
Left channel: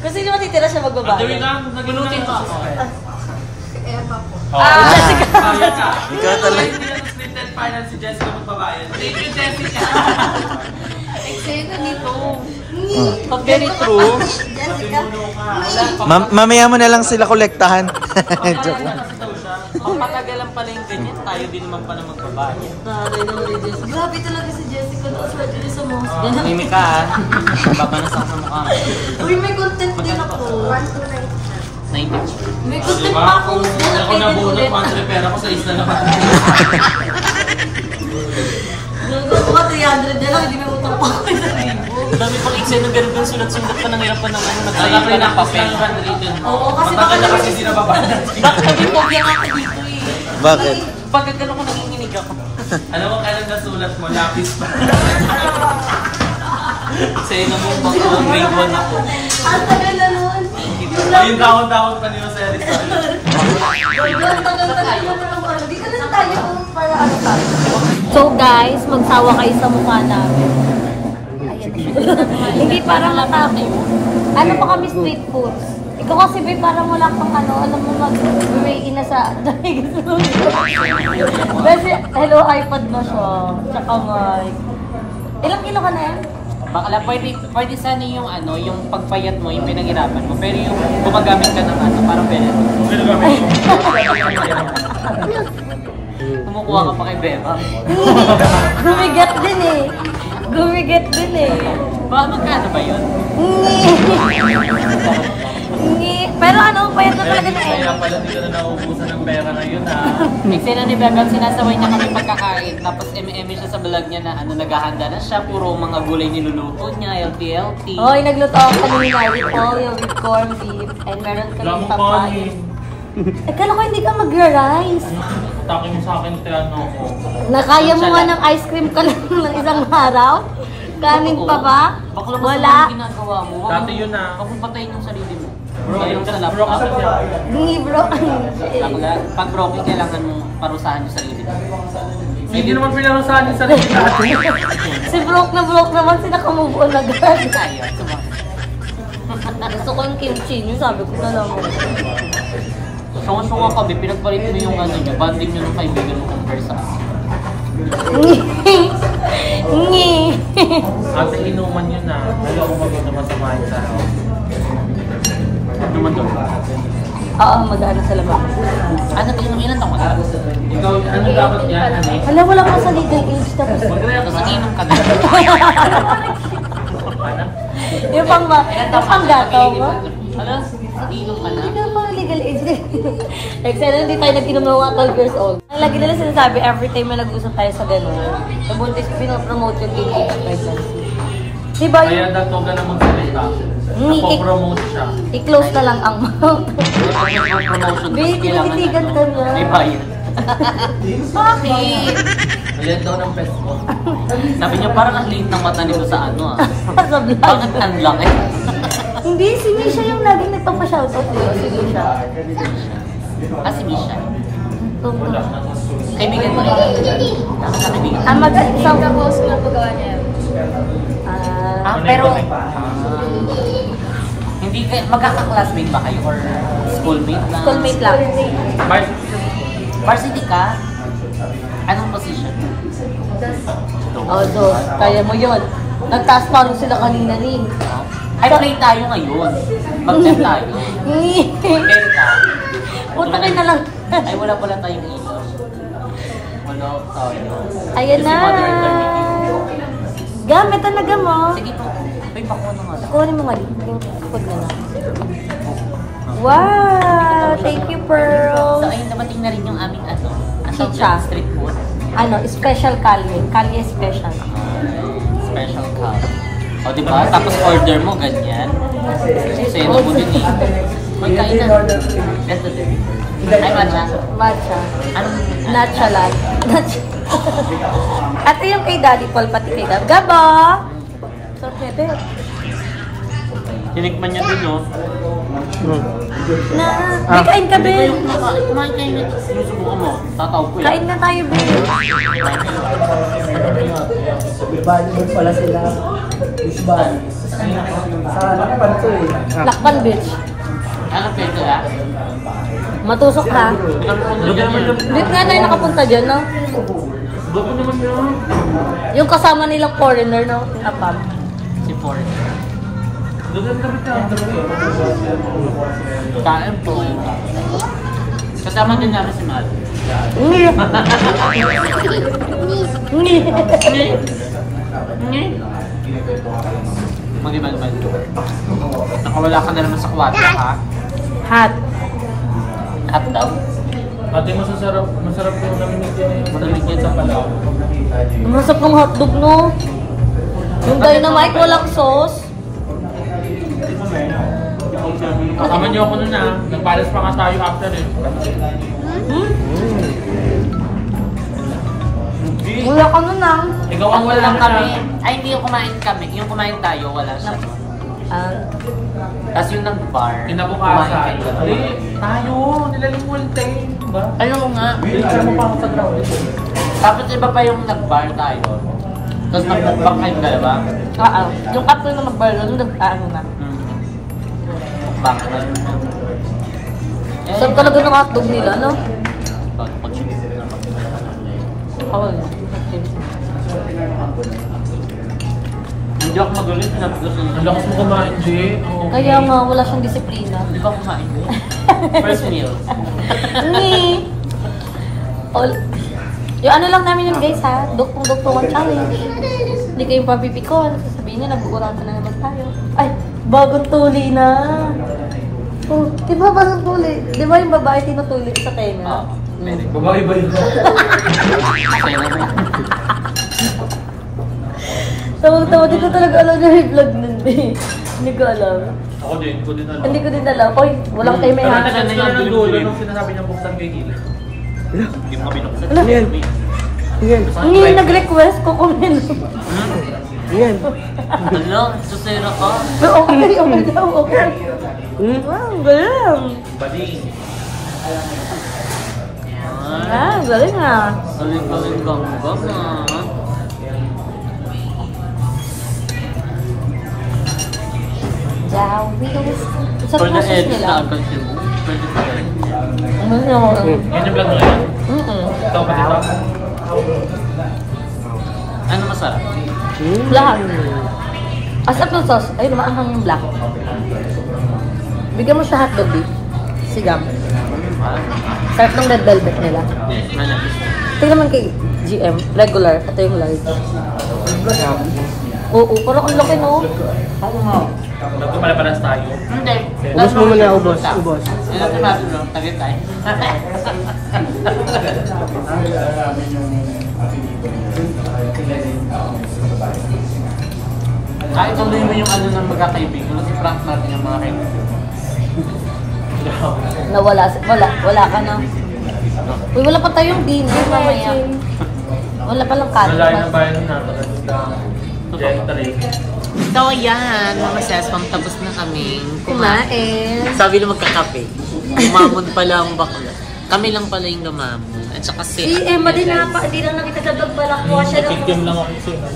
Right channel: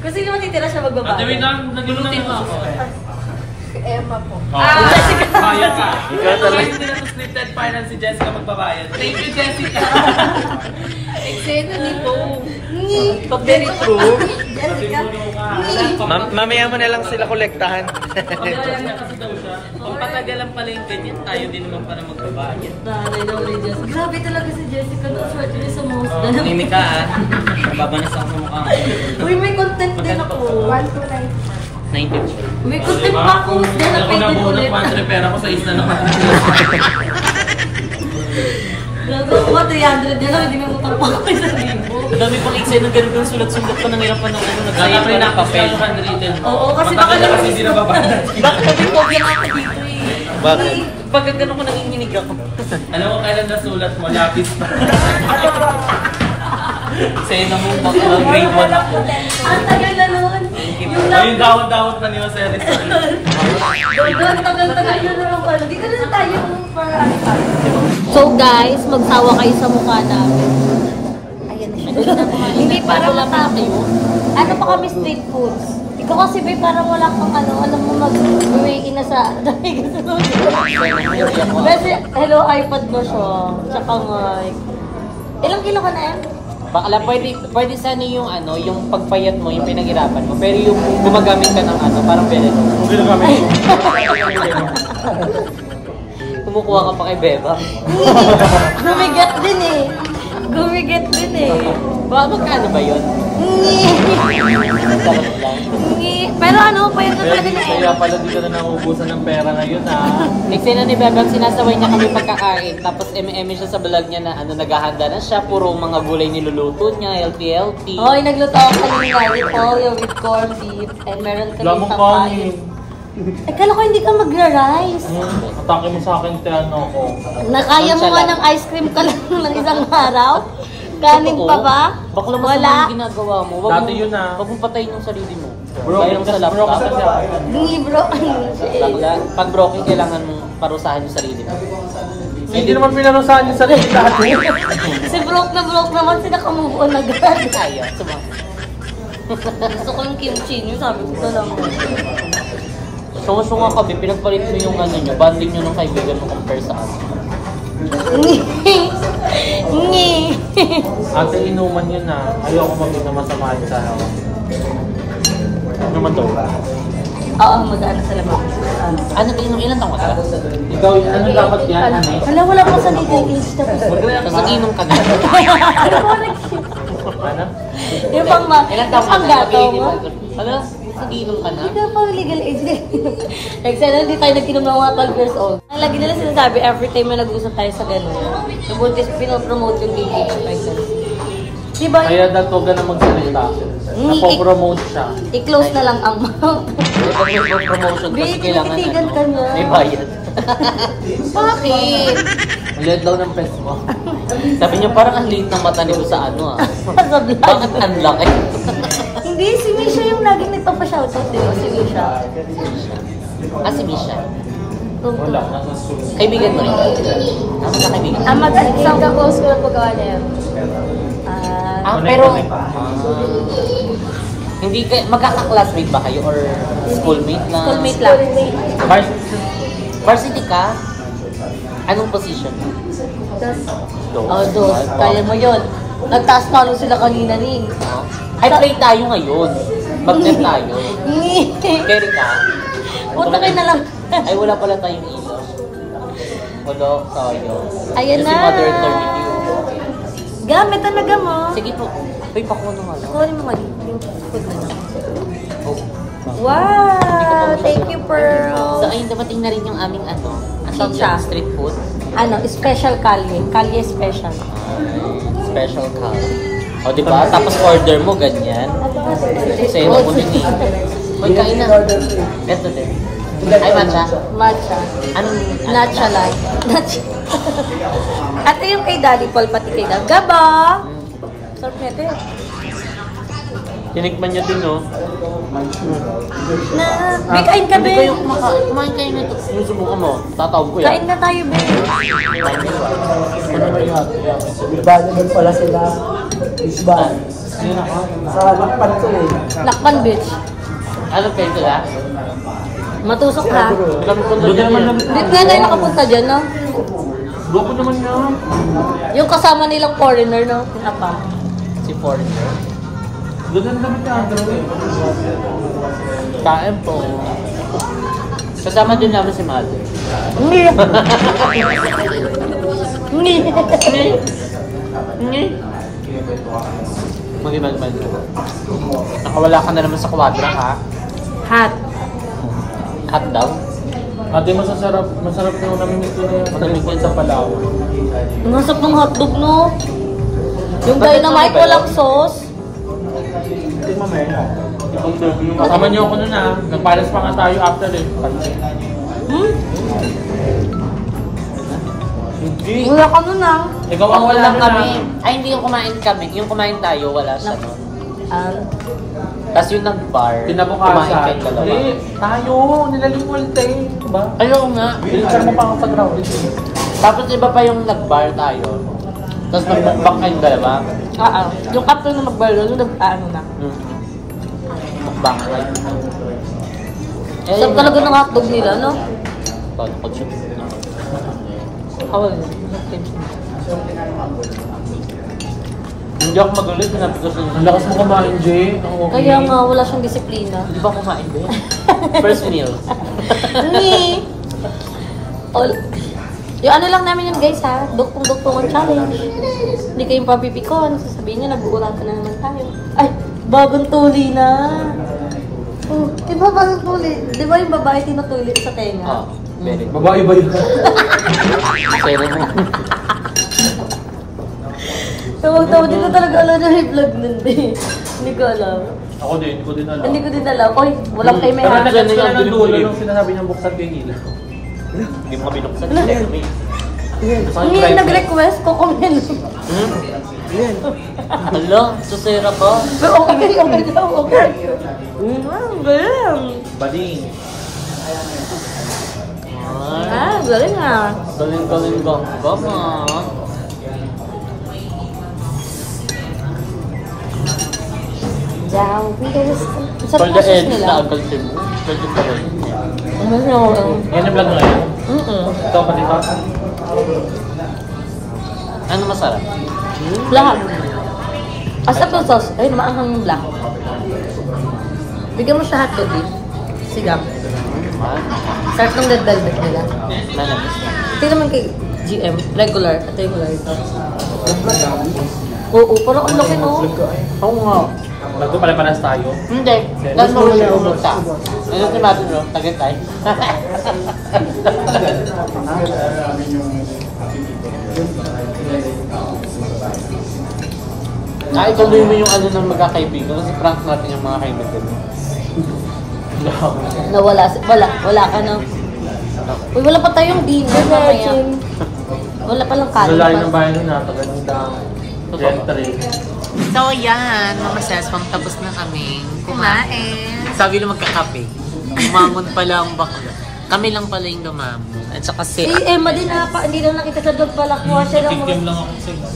Kasi hindi matitira siya Ang magbabae. gawin lang, nagulutin mo ako. Emma po. Kaya ka. Ikaw talaga. Hindi na scripted final si Jessica magbabayad. Thank you, Jessica. Eksena nito. Very true. Jessica. Mamaya mo na lang sila kolektahan. Pampatagalan pala yung ganyan. Tayo din naman pala magbabayad. Bagay daw ni Jessica. Grabe talaga si Jessica. Swerte niya sa most. Mimi ka ha. Babanas ako sa mukha. Uy, may content din ako. 90. May content pa ako. Dahil Ako na na pwede bunot, ulit. one pera ko sa isla naman. Gago ko 300 yan lang. Hindi may utang pa ako sa libo. Dami pang eksena ganun ganun sulat-sulat pa ng hirapan ng ano. Nagsayang Nagsayin pa ng papel. handwritten mo. Oo, kasi Matagal baka na kasi naman- hindi nababanas. Bakit bigyan ako dito eh? Bakit? Pag gano'n ko nanginginig ako. Alam mo kailan nasulat mo? Lapis pa. Sa'yo na mo baka grade 1 ako. Ang tagal na noon. O yung dahon-dahon pa niyo sa Rizal. Ang tagal-tagal na naman pala. Di ka na tayo para ano pa. So guys, magsawa kayo sa mukha namin. Hindi para matapos. Ano pa kami street foods? Ikaw kasi ba parang wala kang ano, alam mo mag-weigh in na sa dahil gusto. Kasi hello iPad na siya. Tsaka mic. Ilang kilo ka na yan? Bakla, pwede sana yung ano, yung pagpayat mo, yung pinaghirapan mo. Pero yung gumagamit ka ng ano, parang very low. Pero kami. Kumukuha ka pa kay Beba. Gumigat din eh. Gumigat din eh. Magkano ba yun? Pero ano, payat na talaga na Kaya pala dito na nakukusan ng pera ngayon ha. Eksena ni Beba, sinasaway niya kami pagkakain. Tapos eme siya sa vlog niya na ano, naghahanda na siya. Puro mga gulay niluluto niya, LP. Hoy, nagluto ako kanina with pollo, with corned beef, and meron kami Lamok papayin. Eh, kala ko hindi ka magra-rice. Atake mo sa akin te ano ko. Nakaya mo nga ng ice cream ka lang ng isang araw? Kanin pa ba? Bakla mo Wala. sa ginagawa mo. Dati yun na. Wag mong patayin yung sarili mo. Bro, Gaya lang sa bro laptop. kasi siya. Hindi bro. Bakla, pag broken, kailangan mong parusahan yung sarili mo. Hindi naman pinarusahan yung sarili natin. Si broke naman, sinakamove on agad. Kaya, Gusto ko yung kimchi niyo, sabi ko na lang. sunga-sunga ka, pinagpalit mo yung ano nyo, banding nyo ng kaibigan mo compare sa akin. Ngi. Ate, inuman yun na. Ayaw ko mag-inuman sa mga isa. Naman doon. Oo, mag-ano sa lamang. Ano ito yung ilan taong ka? Ikaw, ano dapat yan? Hala, wala pa sa legal age. Tapos, Tapos nag-inom ka na. yung pang gatong. Ano? Nag-inom ka na? Hindi ka pa legal age. Like, sana hindi tayo nag-inom ng mga 12 years old. Ang lagi nila sinasabi, every time na nag-usap tayo sa gano'n, sa buntis, pinopromote yung baby pregnancy. Diba Kaya yung dato ka na magsalita. Napo-promote siya. i-close na lang ang mouth? Promotion kasi Baby, kailangan titigan ka niya. may bayad. Bakit? Ayan daw ng pes ko. Sabi niya parang ang liit ng mata nito sa ano ah. Sa vlog. Bakit ang laki? Hindi, si Misha yung laging nagpapashoutout, di ba? Si Misha. Ah, si Misha. Tungkol. Kaibigan mo rin. Tama ka kaibigan. Ah, mag-isang... Pero... hindi ka... Magkaka-classmate ba kayo? Or schoolmate na? Schoolmate lang. Varsity ka? Anong position mo? Oh, dos. Kaya mo yun. Nagtaas pa rin sila kanina ni. Ay, play tayo ngayon. Mag-play tayo. Play ka? Punta kayo na lang. Ay, wala pala tayong ito. Wala tayo. Ayan na. Kasi mother eternity. Gamit talaga mo. Sige po. Ay, pakuha na nga lang. Kunin mo nga yung food na lang. Oh. Wow! Thank you, So, Pearl. ayun, dumating na rin yung aming ano. Ang Chicha. street food. Ano, special kalye. Kalye special. Special cow. O, diba? Tapos order mo, ganyan. Sa'yo mo din. May kain na. Ito din. Ay, matcha. Matcha. Anong... Natcha lang. Natcha. Ito yung kay Daddy Paul, pati kay Daddy. Gaba! Sarap niya ito. Tinikman niya din, no? Na, Be, kain ka, Hindi Be. kayo kumain kayo nito. Sinusubukan mo. Tatawag ko yan. Kain na tayo, Be. Saan? Lakpan Beach. Alam kayo sila? Matusok ha. Kami punta dyan yan. Dit nga tayo nakapunta dyan, no? Doko naman yan. Yung kasama nilang foreigner, no? Yung Apam. Si Foreigner. Doon kami Kain po. Kasama din namin si Mali. Ngi. Ngi. Ngi. Mag. Nakawala ka na naman sa kwadra, ha? Hot. Hot daw? Ate, masarap yung naminiti na yung Manulit sa palaw. Ang masap ng hotdog, no? Yung dynamite, walang sauce. Kasama niyo ako nun ah. Nagpalas pa nga tayo after eh. Hmm? Wala ka nun, ah. Ikaw ang Wala wala lang kami. na. Ay, hindi yung kumain kami. Yung kumain tayo, wala siya. No? Tapos yung nag-bar, kumain Kinabukasan. kayong dalawa. Hindi, tayo. Nilalim mo yung tayo. Ba? Ayaw nga. Bilisan mo pa ako sa crowd. Tapos iba pa yung nag-bar tayo. Tapos nag-mukbang kayong dalawa. Yung after na mag-bar, yung nag-ano na. Mukbang kayo. Sarap talaga ng hotdog nila, no? Pag Awal yun. hindi ako magalit, sinabi ko sa Ang lakas mo kumain, Jay. Kaya nga, wala siyang disiplina. Di ba kumain ba? First meal. Ni! Yung ano lang namin yun, guys, ha? Duktong-duktongan challenge. Hindi kayong pampipikon. Sasabihin niya, nag-uuratan na naman tayo. Ay, bagong tuli na. Oh, di ba bagong tuli? Di ba yung babae tinutuli sa tenga? Babae ba yun? Pero na. Tawag-tawag, di ko talaga alam na may vlog nun, di. Hindi ko alam. Ako din, hindi ko din alam. Hindi ko din alam. Oy, walang kayo may Pero hati. nagkakasin na ng dulo nung sinasabi niyang buksan ko yung ilaw. Hindi mo binuksan. Ano? Hindi, nag-request ko kumin. Hala, susera ka. Pero okay daw, okay. Wow, galing. Baling. Galing ah. Galing gama. Jawitos. Sa For the process edge nila. na agad mo, pwede pa rin. Yan yung vlog na yan? Mm-mm. Ito pa diba? Ano masarap? Lahat. As up ng sauce, ay maanghang yung black. Bigyan mo sa hotdog din. Sigam. Sarap ng red velvet nila. Manapis na. Tingnan naman kay GM, regular. Ito yung light. Oo, parang ang laki, no? Oo nga. Nagpapalaparas tayo. Hindi. Tapos mo yung umuta. Ano si Martin, no? Tagay. Kahit sabihin mo yung ano ng magkakaibigan, kasi prank natin yung mga kaibigan mo. Wala ka na. Uy, wala pa tayong dinner mamaya. Wala pa lang kanin. Wala yung bayan na So yan, mga sesmam, tapos na kaming kumain. Sabi na magkakape. Umamon pala ang bakla. Kami lang pala yung lumamon. At saka si... Emma din na pa, hindi lang nakita sa vlog balakwa siya lang. Kikiam lang ako sa'yo.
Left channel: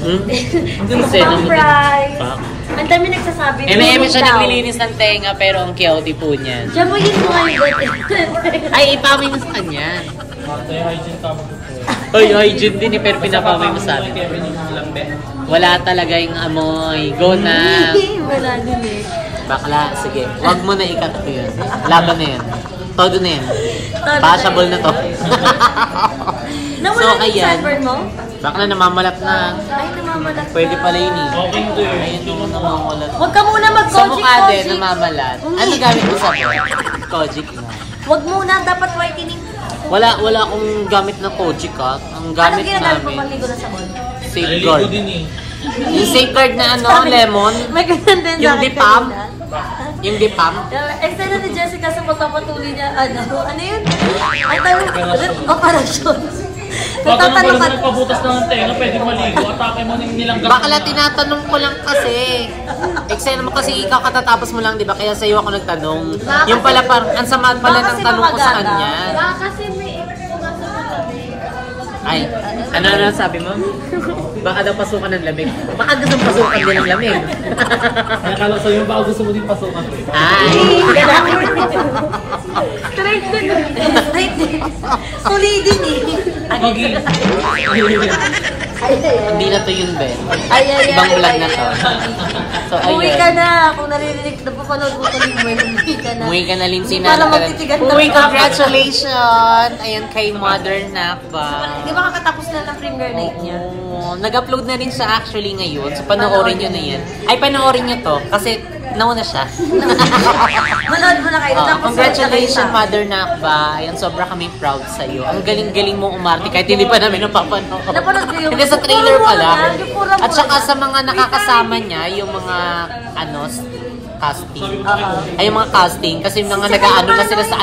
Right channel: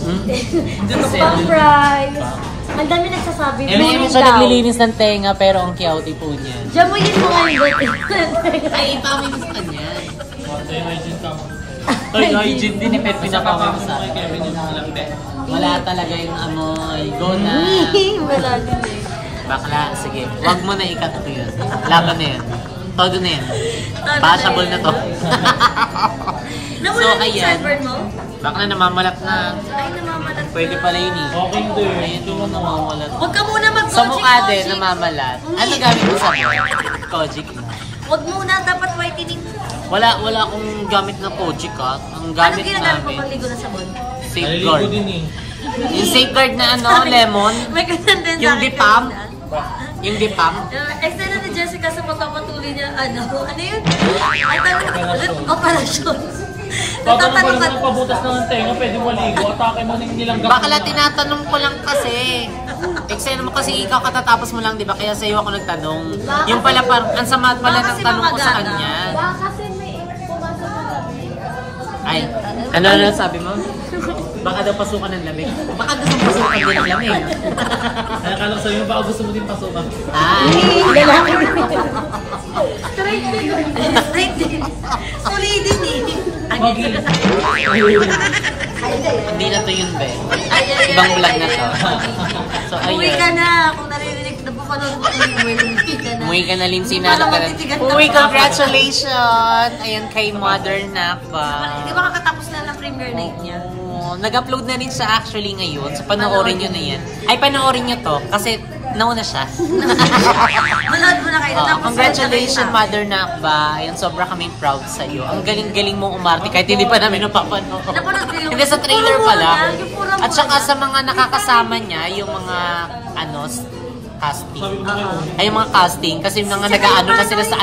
Kasi Surprise! Ang dami nagsasabi. Eme siya naglilinis ng tenga pero ang cute po niya. Diyan mo yun mo Ay, ipamay mo sa kanya. Tayo hygiene tama ko sa'yo. Oy, hygiene din eh, pero pinapamay mo sa akin. Kevin yung lambe. Wala talaga yung amoy. Go na! Wala din eh. Bakla, sige. Huwag mo na ikat ko yan. Laban na yan. Todo na yan. Passable na to. So, ayan. Bakla, namamalat na. Ay, namamalat. Pwede pala yun eh. Walking to yun. Ayun yung namamalat. Huwag ka muna mag-Kojic. Sa mukha din, namamalat. Ano gamit mo sa Kojic na. Huwag muna, dapat whitening. Wala akong gamit na Kojic ha. Ang gamit Anong ginagamit mo namin, maligo na sabon? safeguard. Naliligo din eh. Yung safeguard na ano, lemon. May ganun din Yung dipam. Yung dipam. Excited ni Jessica sa pagpapatuloy niya, ano yun? Ay, operasyon. Baka naman Natatanong ka, nagpabutas ng tenga, pwede maligo. Atake mo ng nilang Bakla, tinatanong ko lang kasi. Excited naman kasi ikaw katatapos mo lang, di ba? Kaya sa'yo ako nagtanong. Yung pala parang, ang sama pala ng tanong ko sa kanya. kasi may Ay, ano na sabi mo? Baka daw pasukan ng lamig. Baka gusto pasukan din ng lamig. Nakakala sa'yo, baka gusto mo din pasukan. Ay! Straight din. Solidin Okay. Hindi na to yun din. Ibang vlog na to. So, Uwi ka ayun. na. Kung naririnig, nagpapanood mo ito, umuwi ka na. Umuwi ka na, Lindsay na. Para magtitigan ng Uy, kapwa. congratulations! Ayan kay Mother Nakba. Di ba kakatapos na ng premiere night niya? Oo. Nag-upload na rin siya actually ngayon. So, panoorin nyo na yan. Ay, panoorin nyo to. Kasi, nauna siya. Manood mo na kayo. Congratulations, Mother Nakba. Ayan, sobra kaming proud sa'yo. Ang galing-galing mo umarte kahit hindi pa namin napapanood. Napanood ko yung... Hindi sa trailer Puro pala. yan, yung puro At saka yan. sa mga nakakasama niya, yung mga, casting. Ay, yung mga casting. Kasi yung mga nag-ano na sila sa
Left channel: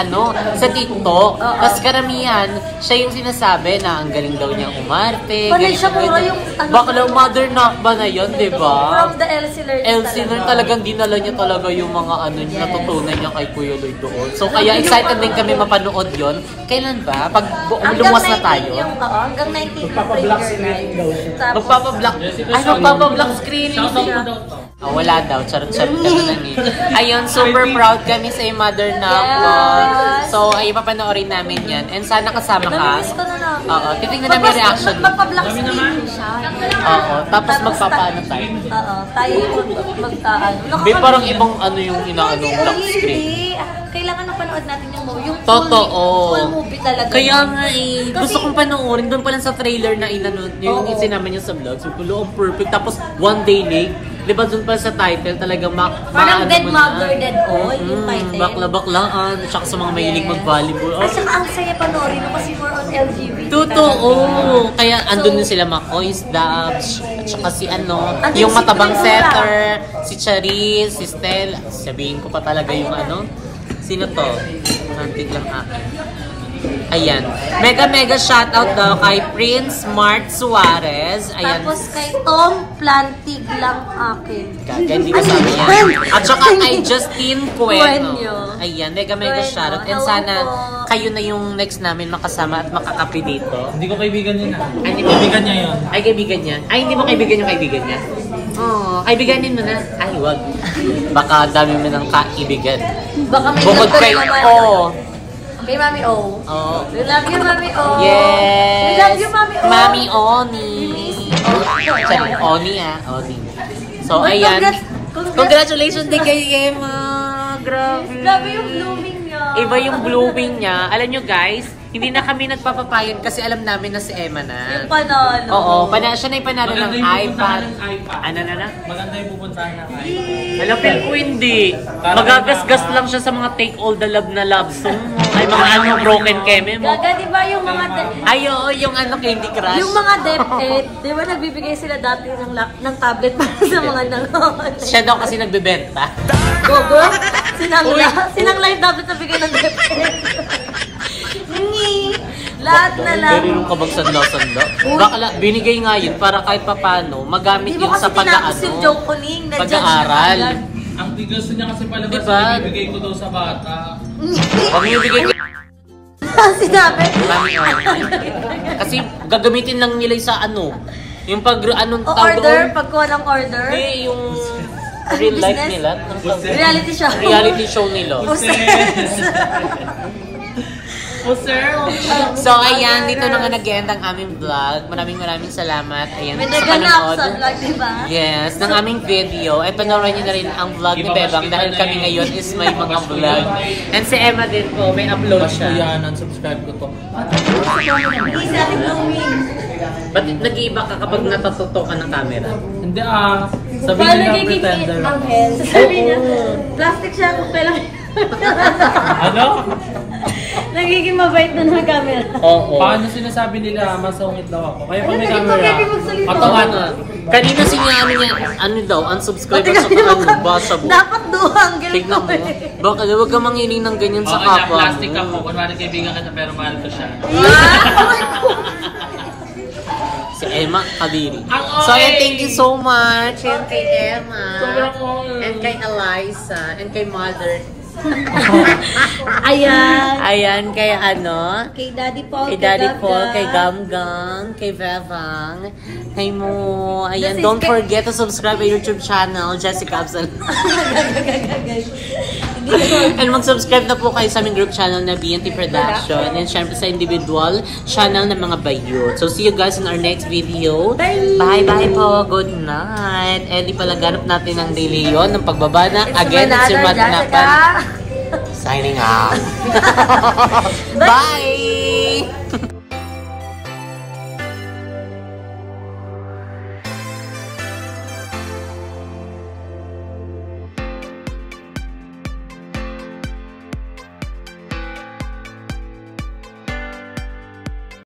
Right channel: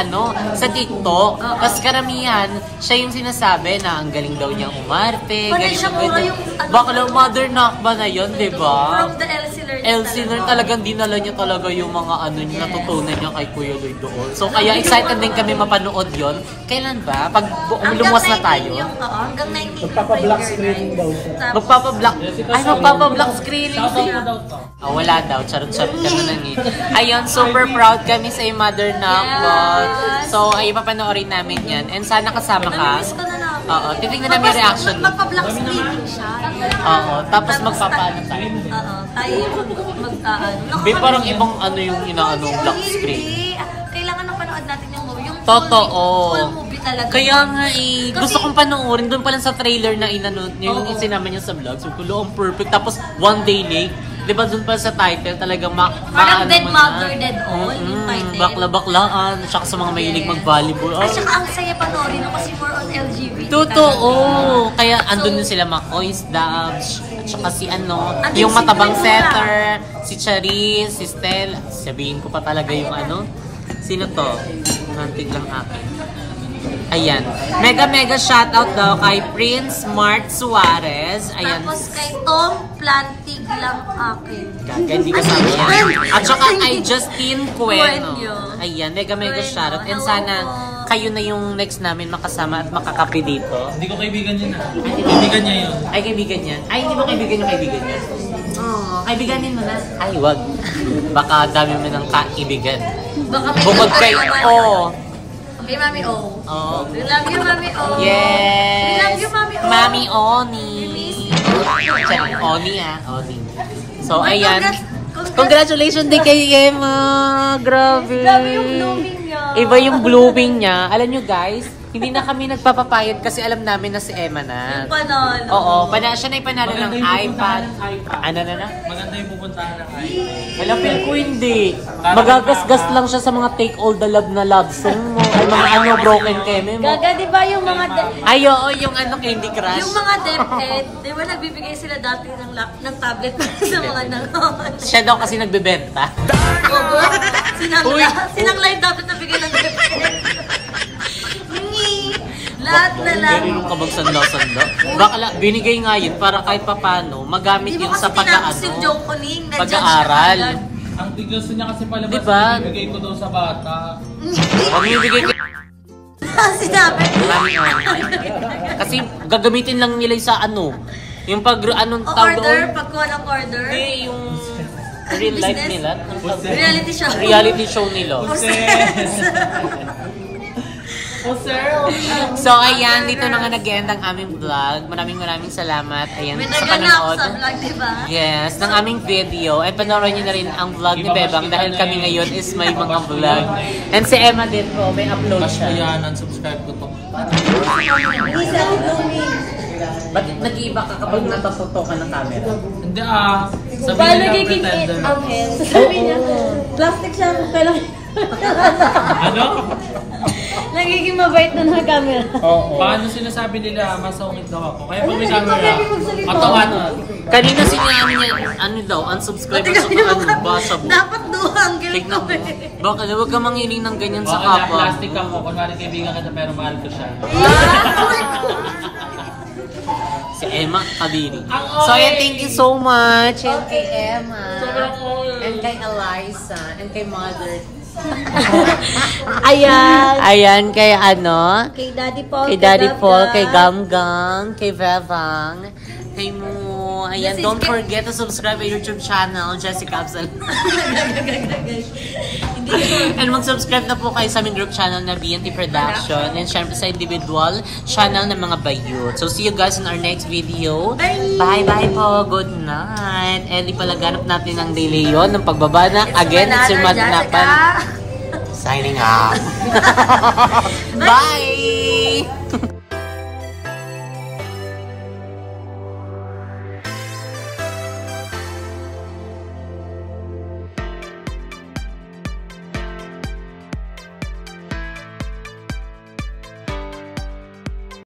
sa TikTok. Tapos karamihan, siya yung sinasabi na ang galing daw niya umarte. Panay siya puro yung... Bakla, Mother Nakba na yun, di ba? From the Elsie Learning Elsie Learn talagang dinala niya talaga yung mga niya, natutunan niya kay Kuya Lloyd doon. So, kaya excited din kami mapanood yon. Kailan ba? Pag lumuwas na tayo. Hanggang 19 yung premiere night. Tapos, Magpapablock. Ay, magpapablock screening siya. Wala daw. Charot-charot ka na lang eh. Ayun, super proud kami sa Mother Nakba. Yes. So, ay papanoorin namin yan. And sana kasama ka. namimiss ko na lang. Oo, titignan namin reaction mo. Magpa-black screening siya. Oo, tapos magpapaano tayo. Oo, tayo yung mag-ano. Be, parang ibang yung inaanong black screen. Hindi. Kailangan na panood natin yung movie. Yung Totoo. full movie talaga. Kaya nga gusto kong panoorin. Doon pa lang sa trailer na yung sinama niya sa vlog. So, ang perfect. Tapos, one day late. Diba doon pa sa title talagang parang Dead Mother, Dead All yung title. Bakla-baklaan. Tsaka sa mga mahilig mag-volleyball. At saka ang saya panoorin kasi more on LGBT. Totoo. Kaya andun din sila Makoy's Dabs. At saka si Andun yung si matabang Trina. setter. Si Charis, si Stel. Sabihin ko pa talaga yung Sino to? Nantig lang akin. Ayan. Mega shoutout daw kay Prince Mart Suarez. Ayan. Tapos kay Tom Plantig lang akin. Gaga, hindi ko sabi yan. At saka kay Justine Cueno. Cueno. Ayan, mega Cueno. shoutout. And Hello sana po. kayo na yung next namin makasama at makakapi dito. Hindi ko kaibigan yun ah. Ay, hindi mo Kaibigan niya yun. Ay, kaibigan niya. Ay, hindi mo kaibigan yung kaibigan niya. Oo, kaibiganin mo na. Ay, wag. Baka dami mo ng kaibigan. Baka may Bukod kay, naman. Kay Mami O. Oo. We love you, Mami O. Yes! We love you, Mami O. Mami Oni. Sorry, Oni Oni. So, Uy, ayan. Congratulations din kay Emma. Grabe. Grabe yung blooming niya. Iba yung blooming niya. Alam nyo guys, hindi na kami nagpapapayag kasi alam namin na si Emma na. Yung panalo. Oo, siya na yung panalo ng iPad. Ano na? Maganda yung pupuntahan ng iPad. Alam, feel ko hindi. Magagasgas lang siya sa mga take all the love na love song mo. Ay, mga broken keme mo. Gaga, di ba yung mga Ay, oo, yung Candy Crush. yung mga DepEd, di ba nagbibigay sila dati ng tablet sa mga nanonood? Siya daw kasi nagbebenta. Gogo, sinangla yung tablet na bigay ng DepEd. Lahat na lang. Pero yung kabag-sanda-sanda. Baka binigay nga yun para kahit papano magamit Di mo yun kasi sa tinapos si Joe Coling, nandyan siya pag-aaral. agad. Ang gusto niya kasi palabas, Diba? ibibigay ko daw sa bata. Huwag mo ibigay ko. Sinabi. Kasi gagamitin lang nila sa ano. Yung anong O tawag order, doon? pagkuha ng order. Hindi, yung real life nila. Reality show. Reality show nila. Oh, sir. So, ayan, dito na nga nag-end ang aming vlog. Maraming salamat. Ayan, May sa naganap panonood. sa vlog, diba? Yes, ng aming video. Ay, panoorin niyo na rin ang vlog ni Bebang dahil kami ngayon is may mga vlog. And si Emma din po, may upload Bash ko siya. yan, unsubscribe ko to. Ba't nag-iiba ka kapag natatuto ka ng camera? Hindi sabihin nila pretender. Sabi niya, plastic siya kung kailan. Ano? Nagiging mabait na ng camera. Oo. Paano sinasabi nila masungit daw ako? Kaya pag may camera, automatic. Kanina sinabi niya, ano daw, unsubscriber sa ano, basa mo. Dapat duhang. Tignan mo. Baka huwag ka mangiling ng ganyan sa kapwa Plastic ako. mo. Kunwari kaibigan ka na pero mahal ko siya. Si Emma Kadiri. So, ayan, thank you so much. And kay Emma. Sobrang cool. And kay Eliza. And kay Mother. Ayan. Ayan, kay ano? Kay Daddy Paul. Kay Daddy Paul, kay Gamgam, kay Bebang, kay Mo. Ayan, don't forget to subscribe to YouTube channel, Jessica Absal. And mag-subscribe na po kayo sa aming group channel na BNT Production. And syempre sa individual channel ng mga bayot. So see you guys in our next video. Bye-bye po. Good night. And ipalaganap natin ang Leon ng pagbaba na again si Magnapan. Signing out. Bye!